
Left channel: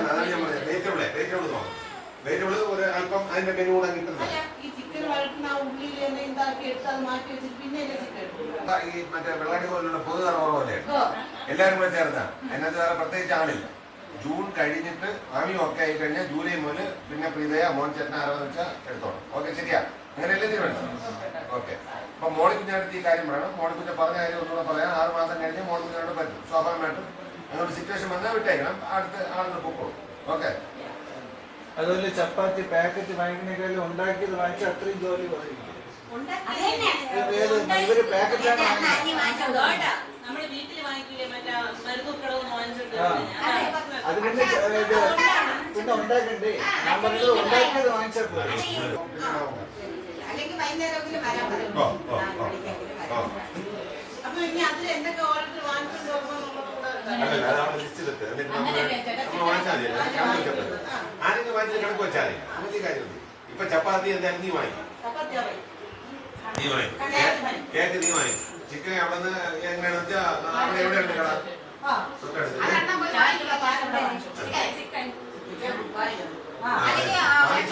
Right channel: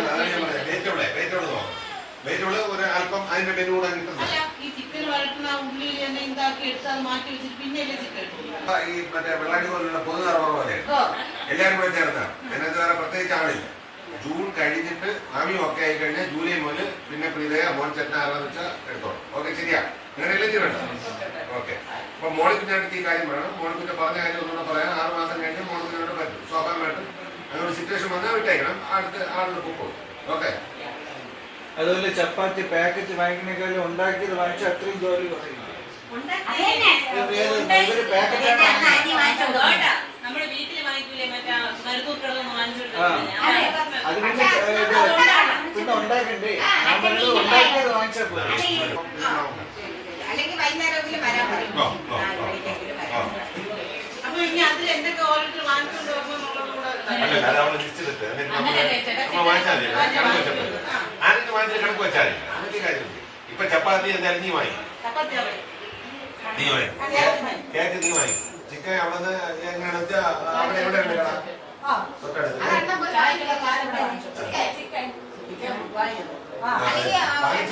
വെജിറ്റബിള് ഒരു അല്പം അതിന്റെ മെനു കൂടെ കിട്ടുന്നത്. ഈ ചിക്കൻ വഴറ്റുന്ന ഉള്ളിയിൽ തന്നെ ഉണ്ടാക്കി എടുത്ത് അത് മാറ്റി വെച്ചിട്ട് പിന്നെയല്ലേ ചിക്കൻ ഈ മറ്റേ വെള്ളാടി പോലുള്ള പൊതുനിറ പോലെ എല്ലാവരും കൂടെ ചേർന്നാണ്. അതിനകത്ത് വേറെ പ്രത്യേകിച്ച് ആളില്ല. ജൂൺ കഴിഞ്ഞിട്ട് ആവി ഒക്കെ ആയി കഴിഞ്ഞാൽ ജൂലൈ മുതൽ പിന്നെ പ്രീതയ മോൻ ചേട്ടൻ ആരാന്ന് വെച്ചാൽ എടുത്തോളാം. ഓക്കെ, ശരിയാ? അങ്ങനെ എല്ലാം വേണ്ട. ഓക്കെ. അപ്പൊ മോളിപ്പിന്റെ അടുത്ത് ഈ കാര്യം വേണം. മോളിപ്പിന്റെ പറഞ്ഞ കാര്യം ഒന്നുകൂടെ പറയാൻ 6 മാസം കഴിഞ്ഞ് മോളിപ്പിനോട് പറ്റും. സ്വാഭാവികമായിട്ടും അങ്ങനെ ഒരു സിറ്റുവേഷൻ വന്നാൽ വിട്ടേക്കണം. അടുത്ത് ആളുകൾ പൊക്കോളും. ഓക്കെ. അതുപോലെ ചപ്പാത്തി പാക്കറ്റ് വാങ്ങിക്കണേക്കാളും ഉണ്ടാക്കിയത് വാങ്ങിച്ചാൽ അത്രയും ജോലി കുറയും. ഇവര് പാക്കറ്റാണ് നമ്മുടെ വീട്ടിൽ വാങ്ങിക്കൂലേ മറ്റേ അത് പിന്നെ ഉണ്ടാക്കണ്ടേ? ഞാൻ പറഞ്ഞത് ഉണ്ടാക്കിയത് വാങ്ങിച്ചാൽ പോലെ. അല്ലെങ്കിൽ വൈകുന്നേരമെങ്കിലും വരാൻ പറയും. അപ്പൊ ഇനി അതിൽ എന്തൊക്കെ ഓരോരുത്തർ വാങ്ങിക്കൊണ്ട് പോകുന്നുള്ളത് കൂടെ കണക്ക് വെച്ചാൽ ഇപ്പൊ ചപ്പാത്തി എന്തായാലും നീ വാങ്ങി, കേക്ക് നീ വാങ്ങി, ചിക്കൻ അവിടെ നിന്ന് എങ്ങനെയാണെന്ന് വെച്ചാൽ അവിടെ എവിടെ ഉണ്ട് കട തൊട്ടടുത്ത് വാങ്ങിച്ചു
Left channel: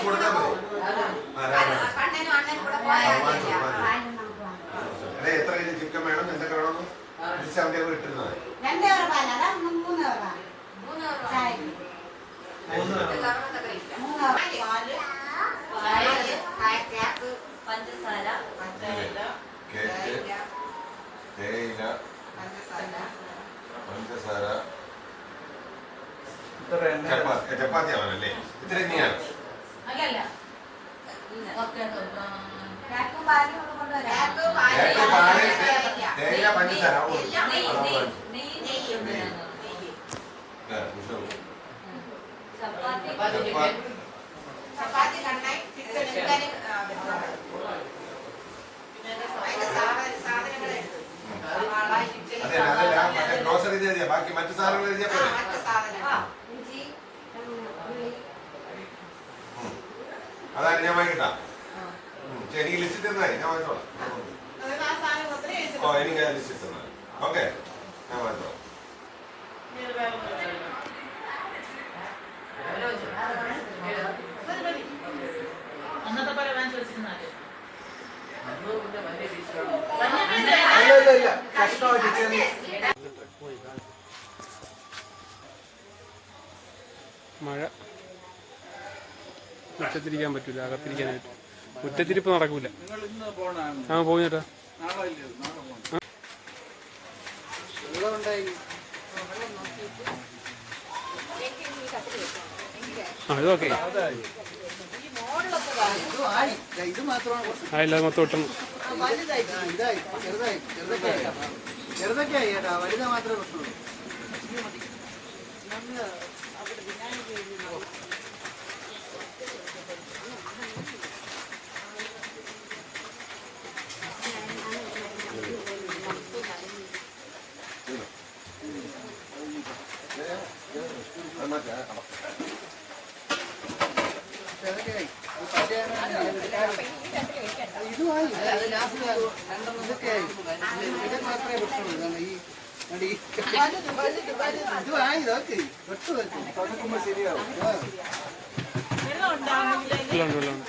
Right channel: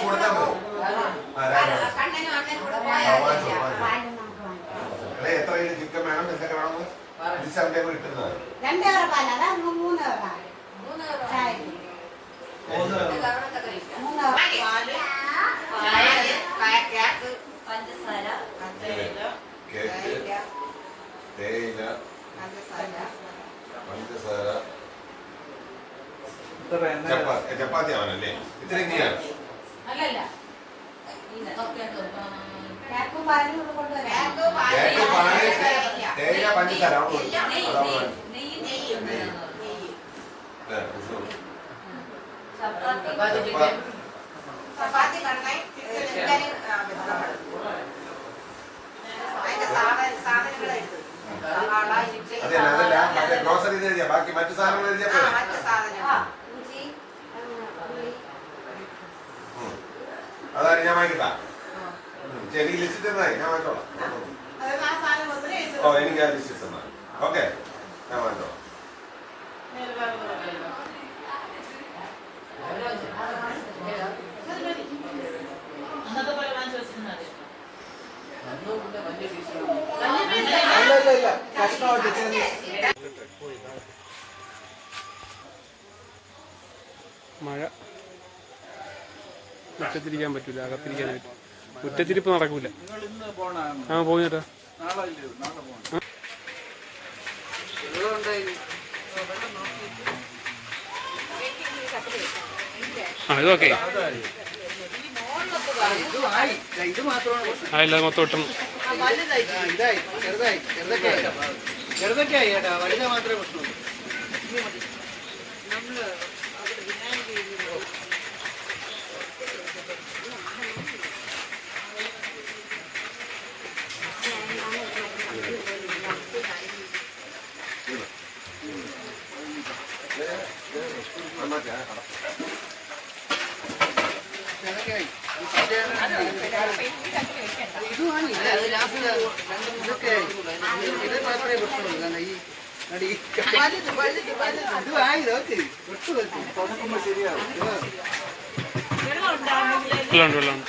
കൊടുത്താൽ മതി. എത്ര കിലോ ചിക്കൻ വേണം, എന്തൊക്കെ വേണം അവന്റെ കിട്ടുന്നത്? 2 കവർ പാൽ, അതാ 3 കവർ. 3 പഞ്ചസാര, കേക്ക്, തേയില, പഞ്ചസാര, ചപ്പാത്തി ആവണല്ലേ? ഇത്ര നീയാണ്. അല്ലല്ല കേക്ക്, പാല്, തേയില, പഞ്ചസാര. ചപ്പാത്തി കണ്ണായി ചിക്കൻ അതെ, അതല്ല മറ്റേ ഗ്രോസറി എഴുതിയാ ബാക്കി മറ്റു സാധനങ്ങൾ എഴുതിയാ പോലെ. അതാണ് ഞാൻ വാങ്ങിട്ടാ. എനിക്ക് ലിസ്റ്റ് തന്നായി, ഞാൻ വാങ്ങിച്ചോളാം. ഓ, എനിക്ക് ആ ലിസ്റ്റ് തന്നാൽ ഓക്കെ, ഞാൻ വാങ്ങിച്ചോളാം. അന്നത്തെ പോലെ വാങ്ങിച്ചു വെച്ചിരുന്നാല് അല്ല കഷ്ണമായിട്ട് മഴ മുറ്റത്തിരിക്കാൻ പറ്റൂല, അകത്തിരിക്കാൻ പറ്റും. മുറ്റത്തിരിപ്പ് നടക്കൂല. നിങ്ങൾ ഇന്ന് പോണാണ്? ആ പോയി ചേട്ടാ. നാളെ ഇല്ലേ? നാളെ പോകണം. വെള്ളം ഉണ്ടായി. ആ ഇതൊക്കെ ഇത് മാത്രമാണ് ആ ഇല്ലാതെ മൊത്തം ഒട്ടും ഇതായി ചെറുതൊക്കെ ആയി ചേട്ടാ, വലുത് മാത്രമേ പ്രശ്നമുള്ളൂ. ഇതുമായി ഇതൊക്കെയായി ഇത് മാത്രമേ പ്രശ്നമുള്ളൂ. കാരണം ഈ ഇതുമായി ഇതൊക്കെ വെട്ടു വെക്കും തുടക്കുമ്പോൾ ശരിയാവും. വെള്ളമുണ്ട്.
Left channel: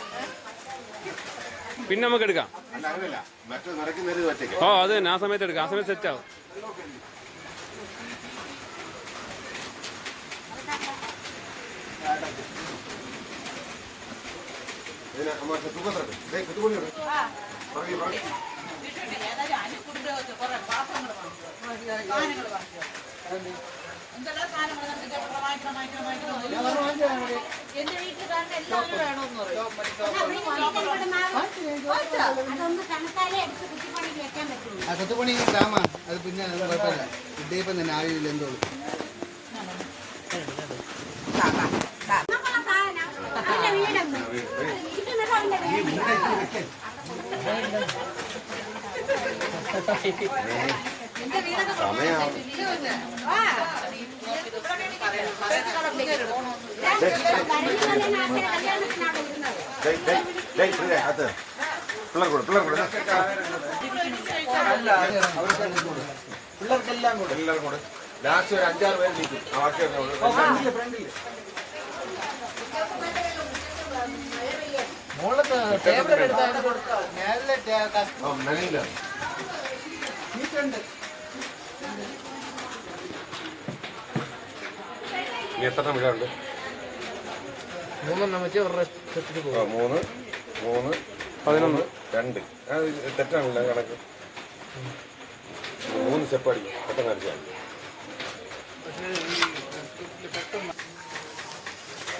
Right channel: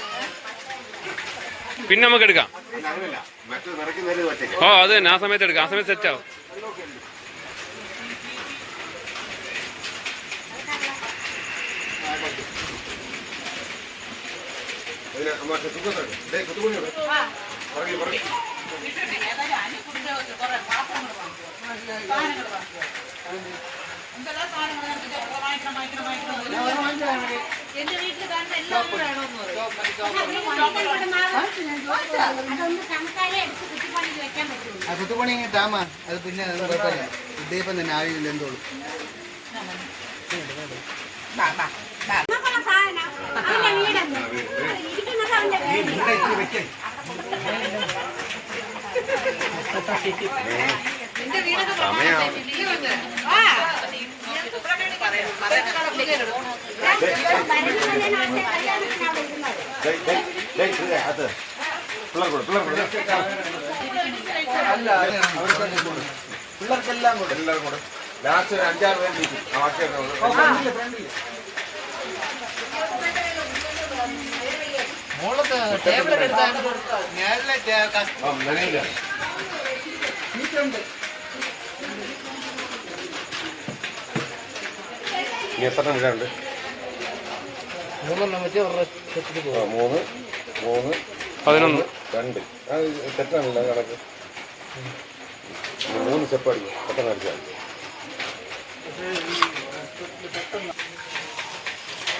പിന്നെ നമുക്ക് എടുക്കാം. ഓ അത് തന്നെ, ആ സമയത്ത് എടുക്കാം. ആ സമയത്ത് സെറ്റ് ആവും. എന്തെല്ലാം സാധനങ്ങൾ എന്റെ വീട്ടിൽ കാണുന്ന എല്ലാവരും വേണമെന്ന് ആ കൊത്തുപണി ഡാമാ അത് പിന്നെ കുഴപ്പമില്ല. ഇദ്ദേഹം തന്നെ ആവില്ല എന്തോളൂ. സമയം പിള്ളേർക്കെല്ലാം കൂടെ എല്ലാവരും കൂടെ ലാസ്റ്റ് ഒരു 5-6 പേര് ഇരിക്കും. ആ ബാക്കി ഫ്രണ്ടില് നനയില്ല. ഈ ഫ്രണ്ട് എത്ര വീടുണ്ട്? 3 വെച്ച് 3 3 11 2. അത് തെറ്റാണല്ലോ കണക്ക്. 3 സ്റ്റെപ്പ് അടിക്കും. പെട്ടെന്ന് അടിച്ചാൽ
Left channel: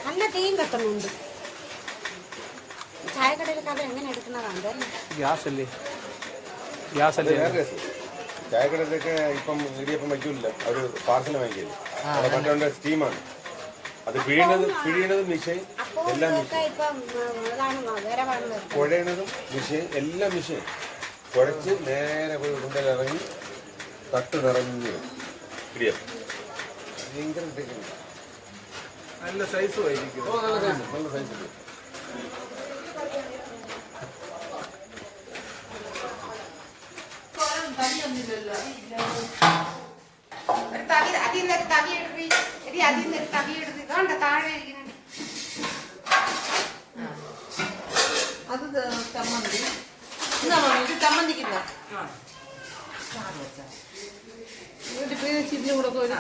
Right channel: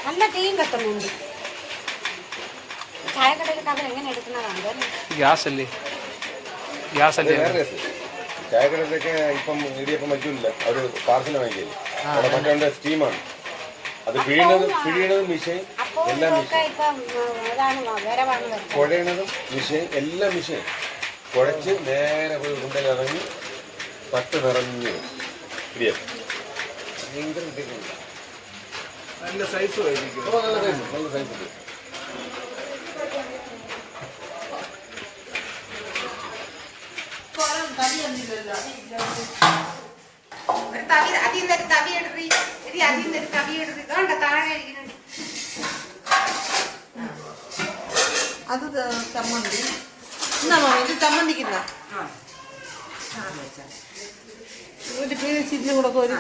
നല്ല തീയും കത്തുന്നുണ്ട്. ചായക്കടയിലൊക്കെ അവർ എങ്ങനെ എടുക്കുന്നതാണ്? ഗ്യാസ് അല്ലേ ഗ്യാസ് അല്ലേ വേറെ രസം. ചായക്കടയിലൊക്കെ ഇപ്പം ഇടിയപ്പം വയ്ക്കില്ല, അവർ പാർസൽ വാങ്ങിക്കില്ല. അവിടെ മറ്റേ സ്റ്റീമാണ്. അത് പിഴിയണതും മിഷീൻ എല്ലാം മിഷീൻ, കുഴയണതും മിഷീൻ എല്ലാം മിഷീൻ. കുഴച്ച് നേരെ പോയി കൊണ്ടുപോയി ഇറങ്ങി പട്ട് നിറഞ്ഞു ഇടിയപ്പം. ഭയങ്കര ഇടിയപ്പം. നല്ല സൈസും ആയിരിക്കും. നല്ല സൈസ് ഉണ്ട്. അത് ചമ്മന്തി എന്നാ ഇത് ചമ്മന്തിക്കില്ല ഒരു പേച്ചിരിഞ്ഞും കൂടെ ഒരു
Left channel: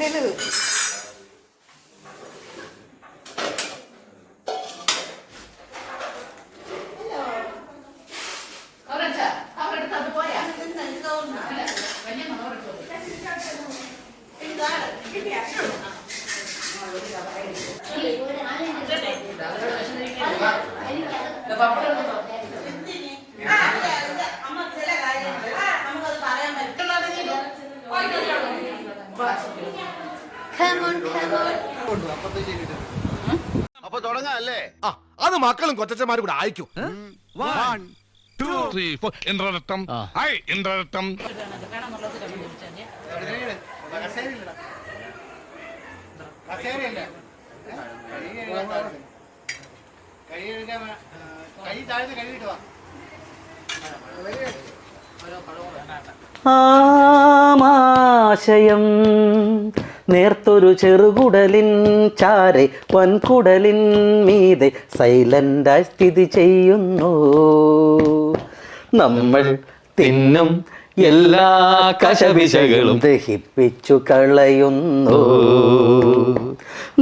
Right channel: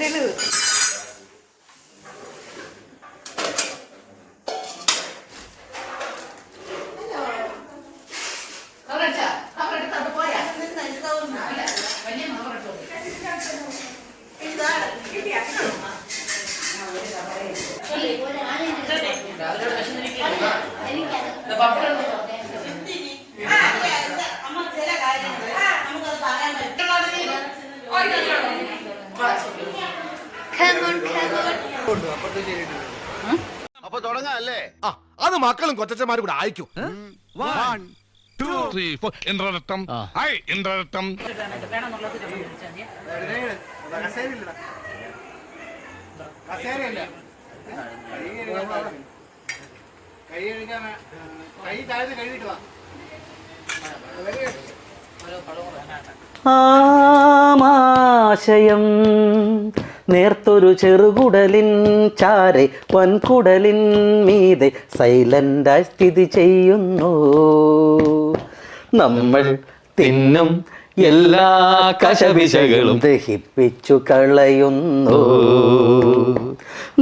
തെളിവ് അപ്പൊ തുടങ്ങാം അല്ലേ? അത് മക്കളും കൊച്ചന്മാരും കൂടെ അയക്കും. 1 2 3 4 ഇന്ദ്രരത്തം. ഹായ് ഇന്ദ്രരത്തം. ആമാശയം നേർത്തൊരു ചെറുകുടലിൻ ചാരെ വൻകുടലിൻ മീതെ സൈലന്റായി സ്ഥിതി ചെയ്യുന്നു. നമ്മൾ തിന്നും എല്ലാ കശപിശകളും ദഹിപ്പിച്ചു കളയുന്നു.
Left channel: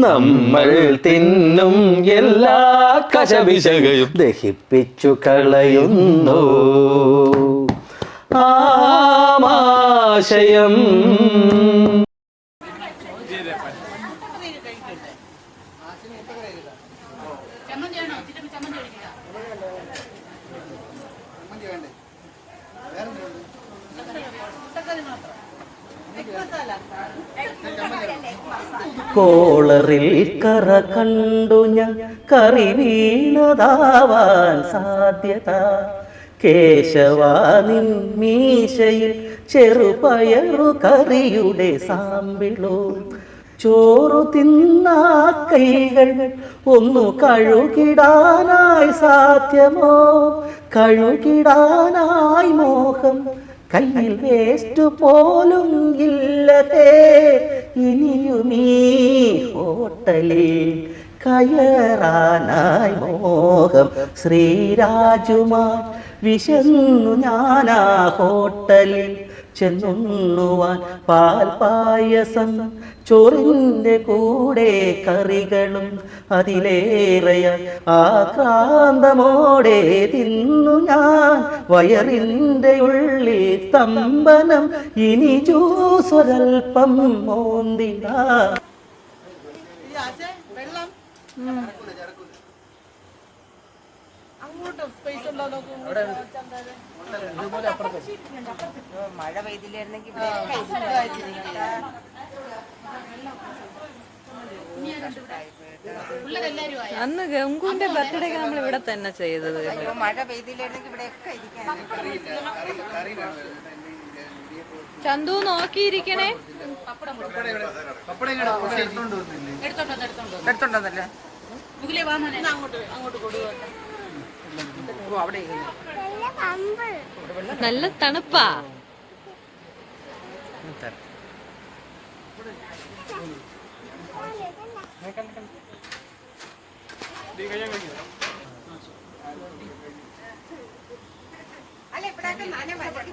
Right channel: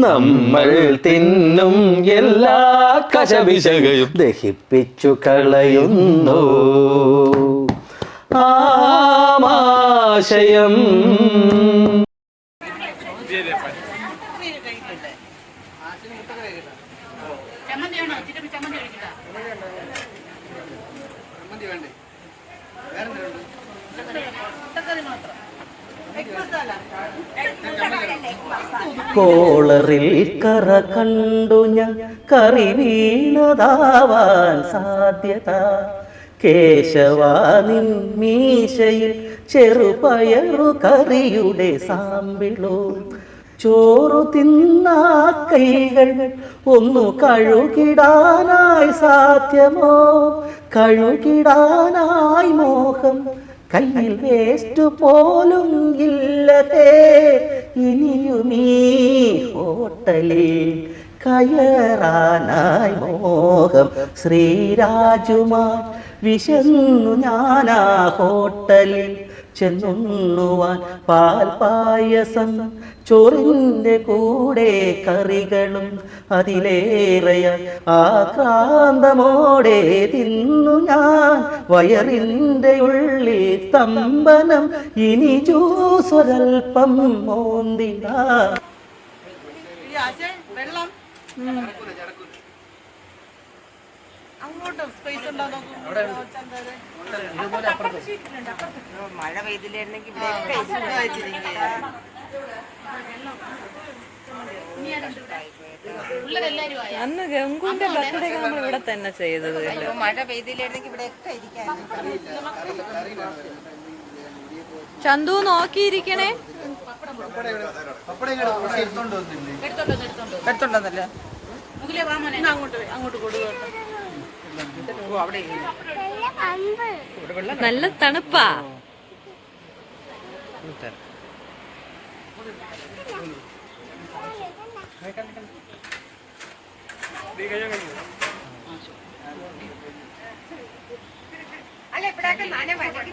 നമ്മൾ തിന്നും എല്ലാ കശപിശകളും ദഹിപ്പിച്ചു കളയുന്നു. ആമാശയം കോളറിൽ കറ കണ്ടു ഞാൻ കറി വീണതാവാൻ സാധ്യത. കേശവാനിൻ മീശയിൽ ചെറുപയറു കറിയുടെ സാമ്പിളോ. ചോറു തിന്നാ കൈകൾ ഒന്നു കഴുകിടാനായി സാധ്യമോ? കഴുകിടാനായി മോഹം കയ്യിൽ വേസ്റ്റ് പോലും ഇല്ലതേ. ഇനിയുമീ ഹോട്ടലിൽ കയറാനായി മോഹം. ശ്രീരാജുമാർ വിശന്നു ഞാനാ ഹോട്ടലിൽ ചെന്നുണ്ണുവാൻ പാൽപായസം ചോറിൻ്റെ കൂടെ കറികളും അതിലേറെയായി ആക്രാന്തമോടെ തിന്നു ഞാൻ. വയറിൻ്റെ ഉള്ളിൽ സ്തംഭനം ഇനി ജ്യൂസൊരൽപ്പം മോന്തിട. വെള്ളം അങ്ങോട്ട് സ്പേസ് ഉണ്ടോ നോക്കൂ. മഴ പെയ്തില്ലായിരുന്നെങ്കിൽ അന്ന് ഗംഗുവിന്റെ ബർത്ത്ഡേ നമ്മൾ ഇവിടെ തന്നെ ചെയ്തത്. മഴ പെയ്തില്ലായിരുന്നെങ്കിൽ ഇവിടെയൊക്കെ ഇരിക്കാൻ. ചന്തു നോക്കിയിരിക്കണേ. എടുത്തോണ്ടതല്ല അങ്ങോട്ട് കൊടുക്കുക. നല്ല തണുപ്പാ. അല്ല ഇവിടെയൊക്കെ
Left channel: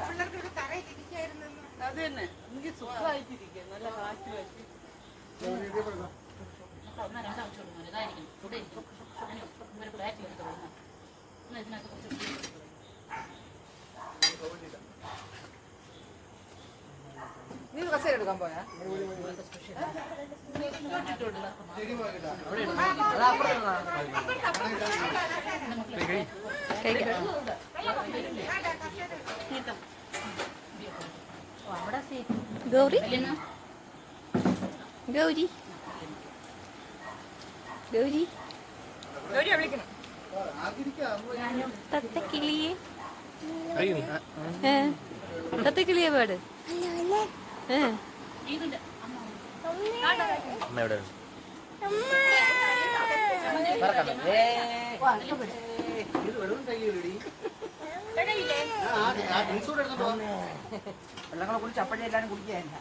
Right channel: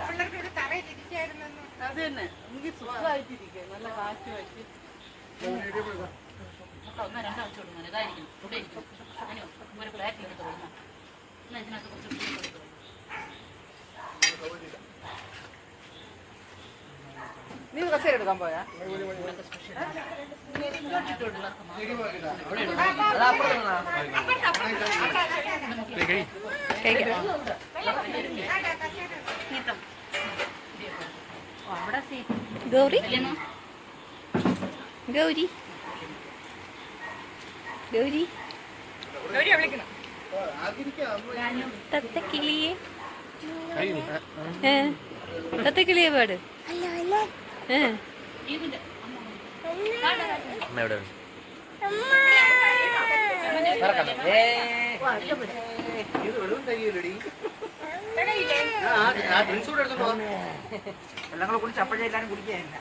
പിള്ളേർക്ക് ഇവിടെ തറയിലിരിക്കായിരുന്നു. അത് തന്നെ നമുക്ക് സുഖമായിട്ടിരിക്കുക. നല്ല കാറ്റ് വെച്ച് നീ കസേര എടുക്കാൻ പോയാ? ഗൗരി ഗൗരി ഗൗരി തത്തക്കിളിയെ തത്തക്കിളിയെ പാട്. എല്ലാം കൂടെ കുടിച്ച് അപ്പോഴേ എല്ലാരും കുടിക്കാനില്ല.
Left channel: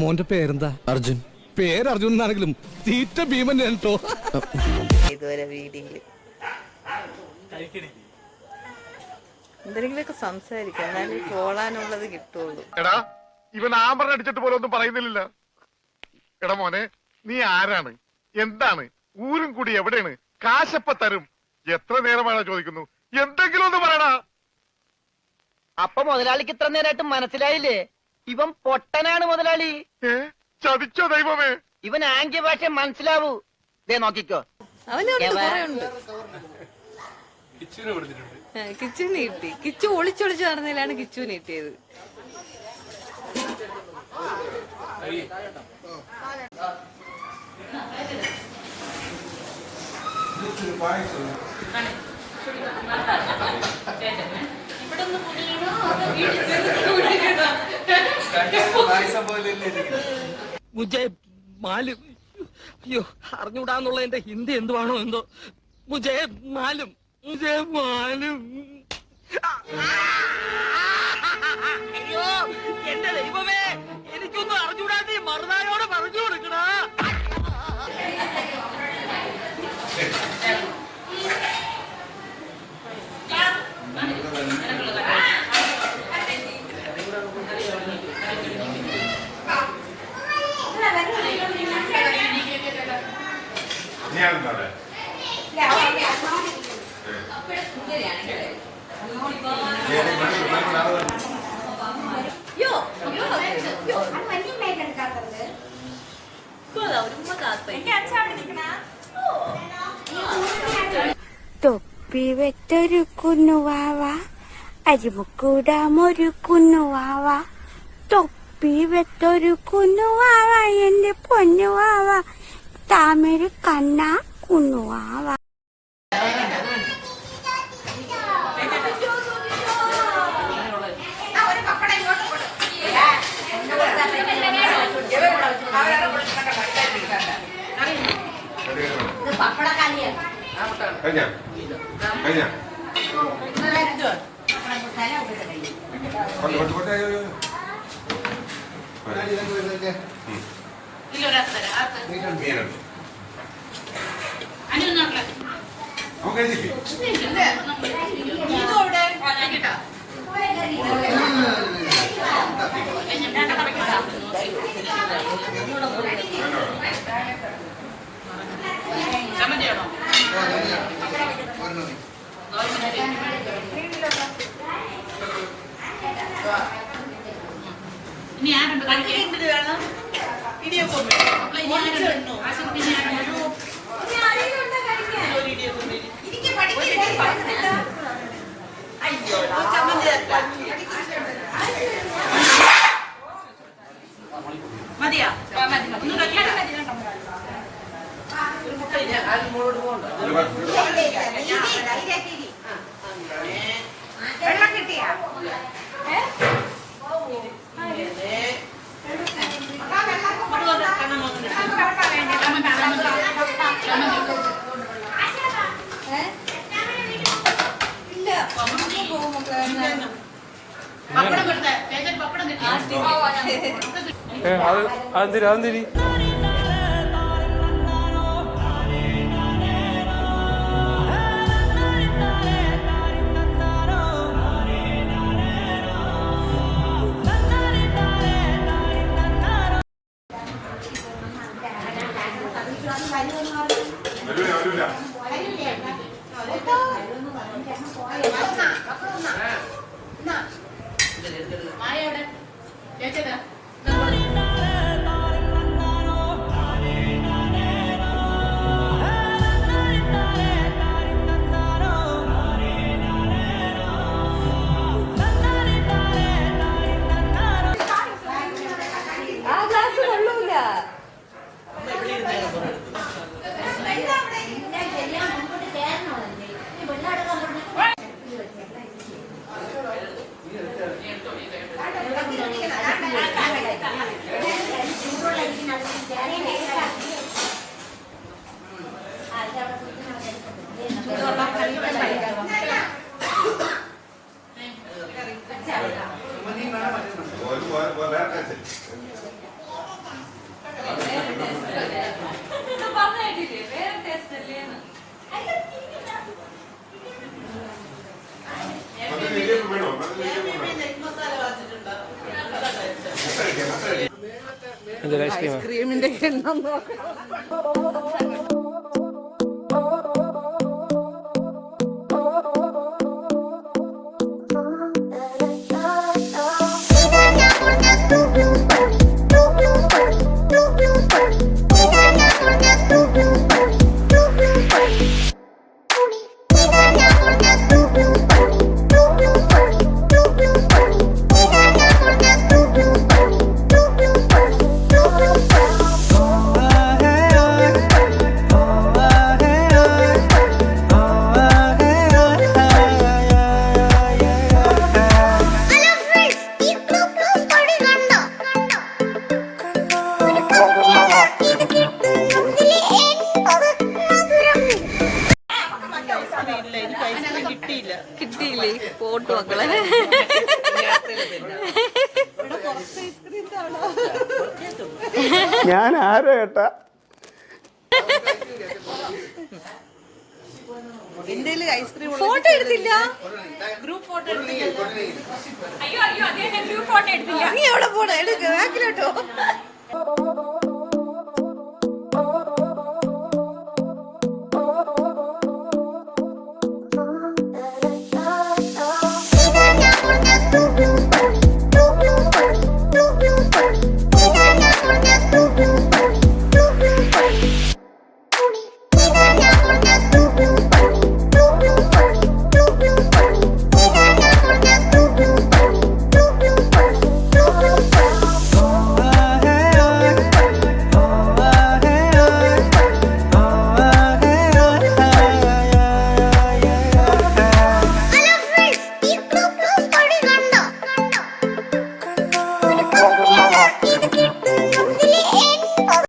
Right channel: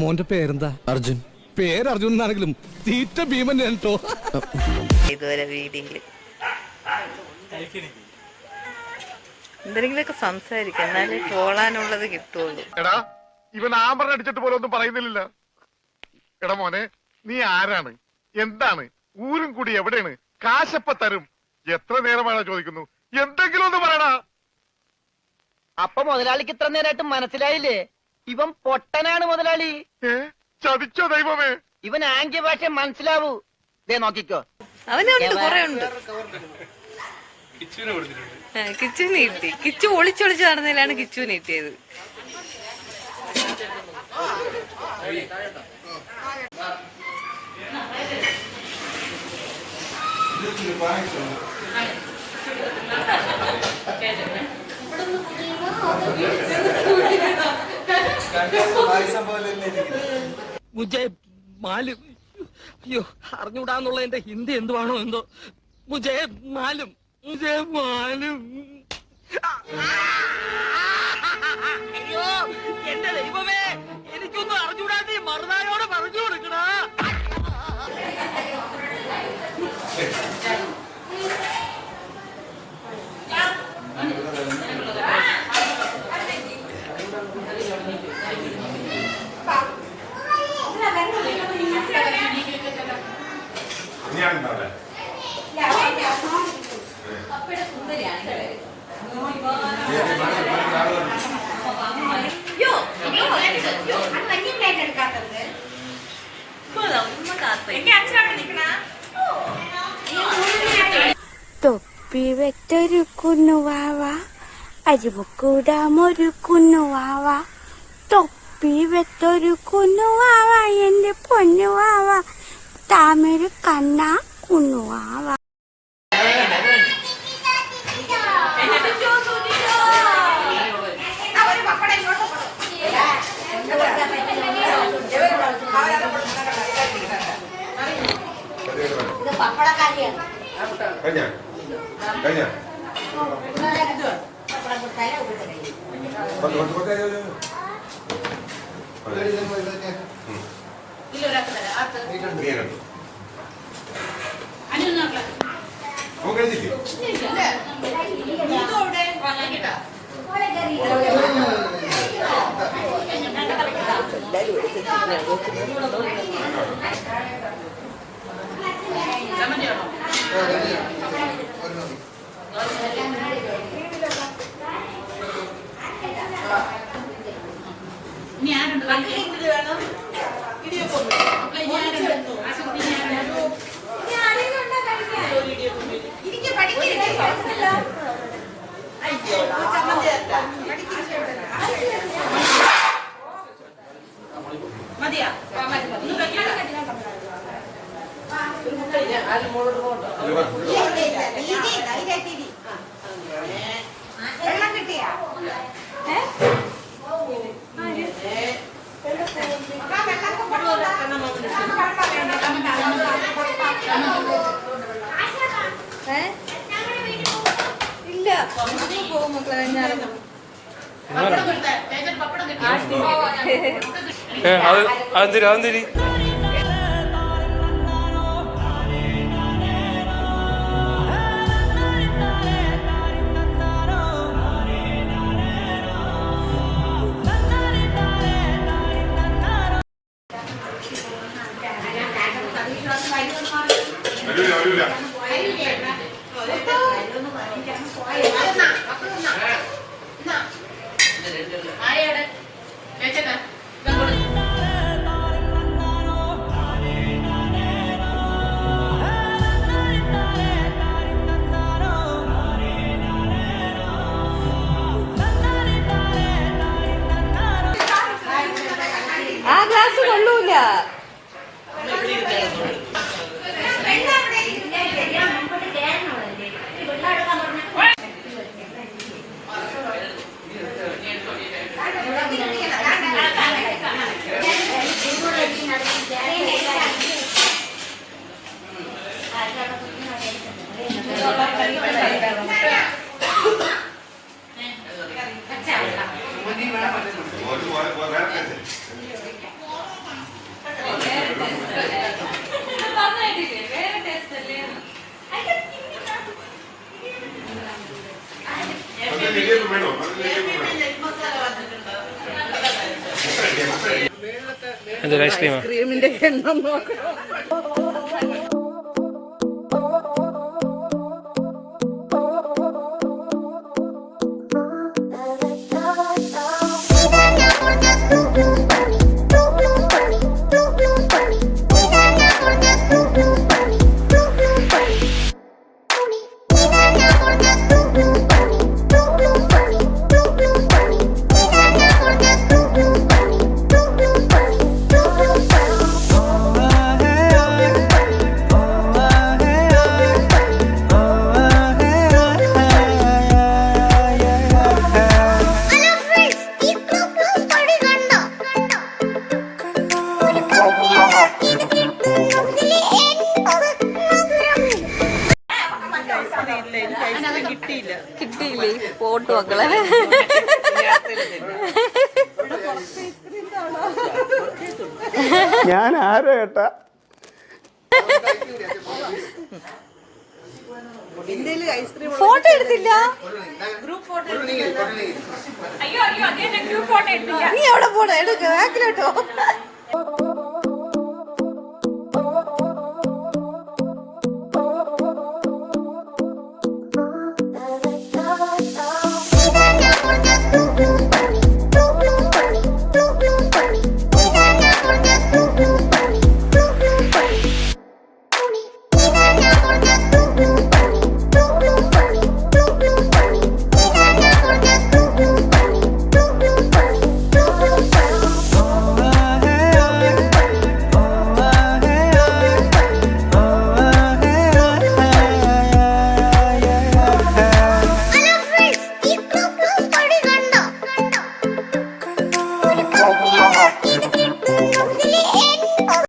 മോന്റെ പേരെന്താ? അർജുൻ. പേര് അർജുൻ എന്നാണെങ്കിലും തീറ്റ ഭീമൻ കേട്ടോ. ഇതുവരെ വീഡിയോയില് എന്തെങ്കിലുമൊക്കെ സംസാരിക്കാം, എന്നാലേ പോളാനുള്ളത് കിട്ടുള്ളൂ. എടാ ഇവൻ ആമ്പറ അടിച്ചിട്ട് പോലെ ഒന്നും പറയുന്നില്ല. എടാ മോനെ, നീ ആരാണ്, എന്താണ്, ഊരും കൂടി എവിടെയാണ്, കാശപ്പ തരും, എത്ര നേരമാണോ ചോദിക്കുന്നു, എന്തെങ്കിലും ഒന്ന് പറയടാ. അപ്പൊ മുതലാളിക്ക് ഇത്ര നേരമായിട്ട് മനസ്സിലായില്ലേ? ഇവൻ പൊട്ടനാണ് മുതലാളി. ചതിച്ചോ ദൈവമേ? ഇവൻ ആംഗ്യ ഭാഷ മനസ്സിലാവൂ. ദേ നോക്കിക്കോ. അവനുണ്ട്, കുറെ ഉണ്ട്. കിച്ചുവിന് കിട്ടി. കിച്ചു ഒളിച്ചൊളിച്ച് നടന്നതിലാണ് കിച്ചുവിന് കിട്ടിയത്. മുജേ മാലും. അയ്യോ, അറിഞ്ഞൂടാന്നുള്ള എന്റെ ഹിന്ദി എന്തുവാണോ എന്തോ. മുജേ മാലും, മുജേ മാലും. അയ്യോ എന്റെ ദൈവമേ, എനിക്കൊന്നും അറിഞ്ഞൂടാ. നീ മറുനായോട് പറഞ്ഞു കൊടുക്കണ. തൊപ്പി വെച്ചൊരു കുന്നുവാവ, അരിമുക്കൂടാമൊരു കുന്നുവാവ, തൊപ്പി വെച്ചൊരു കുന്നുവാവ, എന്റെ പൊന്നുവാവ, താമര കണ്ണ കുന്നുവാവ. ഇടിയൊക്കെ ഉണ്ട്. അപ്പോൾ ഇനി ആരുണ്ടെന്നോ? ആശുപത്രി ഇനി ആരുണ്ടെന്നോ? എനിക്ക് പഠിക്കില്ല. അയ്യോടാ. ചമ്മന്തി ആക്കാം. മതിയാ? ഒന്നും വെക്കണ്ട. ഒരു മുട്ട ഇല്ല. ആരും മോളോട് പോകണ്ട. വെള്ളം കിട്ടിയാ? ഇല്ല. പപ്പടം കിട്ടേ? ചേച്ചി പപ്പടം കിട്ടിയാ? അതെന്തിരി അതെന്തിരി എന്തൊരു ഐസ്ക്രീമാ? ക്രീമിന്റെ എണ്ണം നോക്കണം. കിട്ടിയില്ലേ? പോട്ടു മക്കളെ. ഞാൻ ആരോ ഏട്ടാ? ഫോട്ടോ എടുത്തില്ല. നീ എവിടെ പോണോ? എടുക്ക ബാക്കിലോട്ടോ. കണ്ടോ?